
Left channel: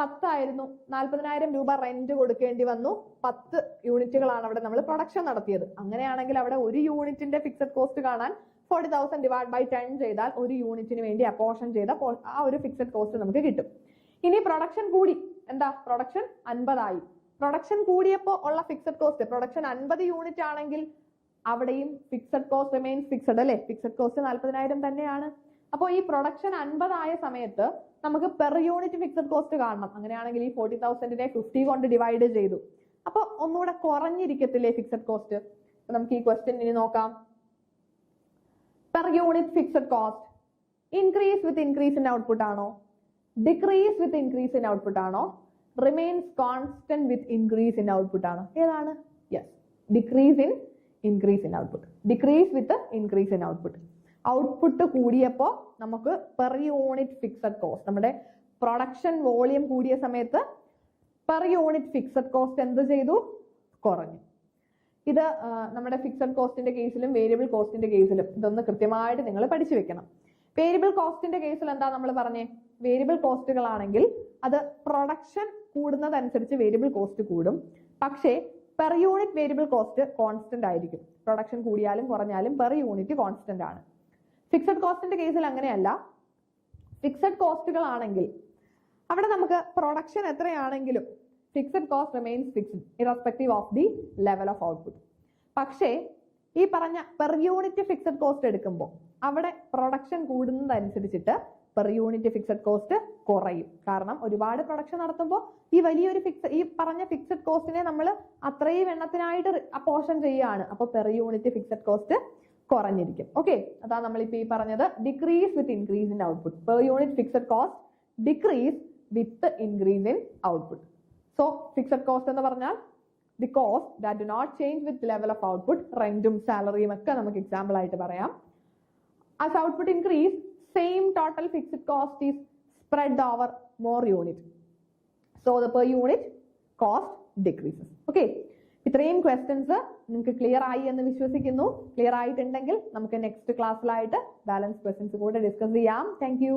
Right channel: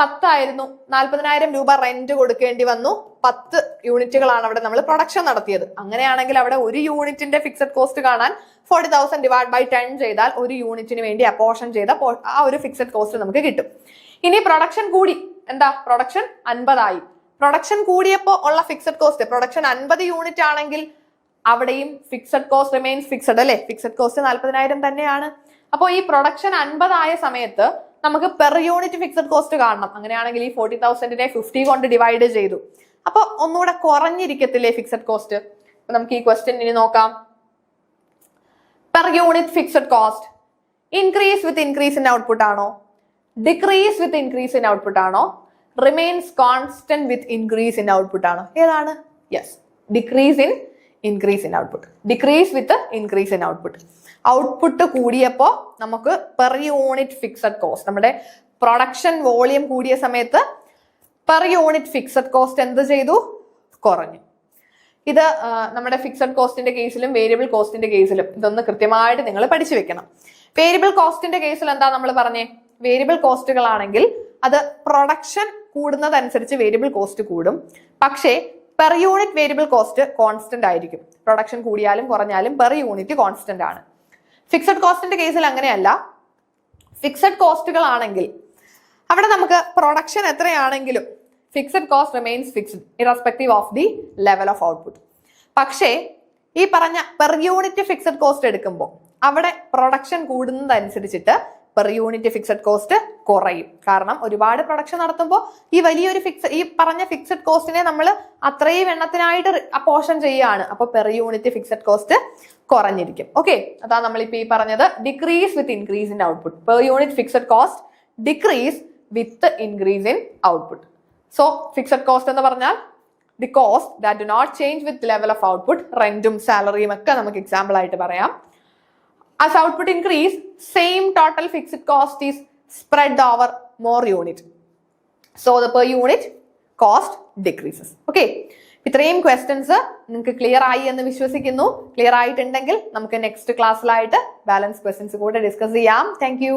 10 ആയിരുന്നു, 40,000 രൂപ റെന്റ് കൊടുക്കേണ്ടി വന്നു. 10 യൂണിറ്റുകളാണ് അവിടെ നമ്മൾ പ്രൊഡക്ഷൻ നടത്തിയത്. അങ്ങനെയാണെങ്കിൽ അവിടെ ഒരു യൂണിറ്റിന്റെ ഫിക്സഡ് കോസ്റ്റ് കാണാൻ 40,000 ഡിവൈഡ് ബൈ 10 ചെയ്താൽ ഒരു യൂണിറ്റിന് വേണ്ടി അപ്പോർഷൻ ചെയ്ത ആ ഒരു ഫിക്സഡ് കോസ്റ്റ് നമുക്ക് കിട്ടും. ഇനി പ്രൊഡക്ഷൻ കൂടി, എന്താ? പ്രൊഡക്ഷൻ 50 ആയി. പ്രൊഡക്ഷൻ കൂടിയപ്പോ ഉള്ള ഫിക്സഡ് കോസ്റ്റ്, പ്രൊഡക്ഷൻ 50 യൂണിറ്റ് ആണെങ്കിൽ അവിടെയും ഫിക്സഡ് കോസ്റ്റ് റിമെയിൻസ് ഫിക്സഡ് അല്ലെ? ഫിക്സഡ് കോസ്റ്റ് 40,000 തന്നെയാണ്. അപ്പോൾ ഈ പ്രൊഡക്ഷൻ 50 ആയ സമയത്ത് നമുക്ക് പെർ യൂണിറ്റ് ഫിക്സഡ് കോസ്റ്റ് കാണണം. അങ്ങനെയാണെങ്കിൽ ഈ 40,000-നെ 50 കൊണ്ട് ഡിവൈഡ് ചെയ്തു. അപ്പൊ ഒന്നുകൂടെ കുറഞ്ഞിരിക്കത്തില്ലേ ഫിക്സഡ് കോസ്റ്റ്? അപ്പൊ നമുക്ക് ഈ ക്വസ്റ്റ്യൻ ഇനി നോക്കാം. Per unit fixed cost increase with increase in output ആണോ? Decrease with increase in output ആണോ? Remains constant with increase in output ആണോ? ഏതാണ്? Yes, decrease in increase in output. Decrease with increase in output. Output കൂടിയപ്പോ നമുക്ക് per unit fixed cost, നമ്മുടെ production volume കൂടിയ സമയത്ത് per unit fixed cost എന്ത് ചെയ്തു? കുറഞ്ഞു. ഇത് നമ്മുടെ ഫിക്സഡ് കോസ്റ്റിന്റെ കേസിലും വേരിയബിൾ കോസ്റ്റിന്റെ കേസിലും ഇതൊന്ന് കൃത്യമായിട്ട് നിങ്ങൾ പഠിച്ചു വെക്കണം. വേരിയബിൾ കോസ്റ്റിന്റെ കേസിൽ എന്താ നമ്മൾ പറഞ്ഞേ? വേരിയബിൾ കോസ്റ്റുകളാണെങ്കിൽ അത് പ്രൊഡക്ഷൻ കൂടുന്നതനുസരിച്ച് വേരിയബിൾ കോസ്റ്റ് കൂടും. പക്ഷേ per unit variable cost constant ആയിരിക്കും. പ്രൊഡക്ഷൻ കൂടിയാലും കുറഞ്ഞാലും പെർ യൂണിറ്റ് കോൺസ്റ്റന്റ് ആണ്. ഫിക്സഡ് കോസ്റ്റിന്റെ കേസിൽ അങ്ങനെയല്ല. ഫിക്സഡ് കോസ്റ്റുകളാണെങ്കിൽ അവിടെ നമുക്ക് പ്രൊഡക്ഷൻ എത്രയാണെങ്കിലും fixed cost remains fixed irrespective of the level of output. പക്ഷേ ഈ പറഞ്ഞ പെർ യൂണിറ്റ് ഫിക്സഡ് കോസ്റ്റ് എടുക്കുമ്പോൾ അവിടെ പ്രൊഡക്ഷൻ കൂടുന്നതനുസരിച്ചിട്ട് പെർ യൂണിറ്റ് ഫിക്സഡ് കോസ്റ്റ് കുറയും. കാരണം ഒരുപാട് പ്രൊഡക്ഷൻ നടത്തുമ്പോൾ ഈ പറഞ്ഞ ഫിക്സഡ് കോസ്റ്റിനെ നമ്മൾ അത്രയും എണ്ണത്തിനായിട്ട് അപ്പോർഷൻ ചെയ്യുകയാണ്. അപ്പോൾ പെർ യൂണിറ്റ് ഫിക്സഡ് കോസ്റ്റ് കുറഞ്ഞിരിക്കും. ഓക്കെ, അതാ നമ്മളിപ്പോ ഈ പറഞ്ഞത് decrease with increase in output. Per unit fixed cost decrease with increase in output. So fixed cost എന്ന് പറഞ്ഞാൽ the cost that do not change with level of output. റെന്റും സാലറിയും ഒക്കെ നമുക്ക് എക്സാമ്പിൾ ആയിട്ട് പറയാം. As output increase, same total fixed cost is spread over more unit. So the per unit cost decreases. Okay. ഇത്രയും questions നിങ്ങൾക്ക് clear ആയി എന്ന് വിശ്വസിക്കുന്നു. ക്ലിയർ ആയിട്ടുണ്ടെങ്കിൽ നമുക്ക് നെക്സ്റ്റ് ക്ലാസ്സിലായിട്ട് ബാലൻസ് ക്വസ്റ്റ്യൻസ് കൂടെ ഡിസ്കസ് ചെയ്യാം. Thank you.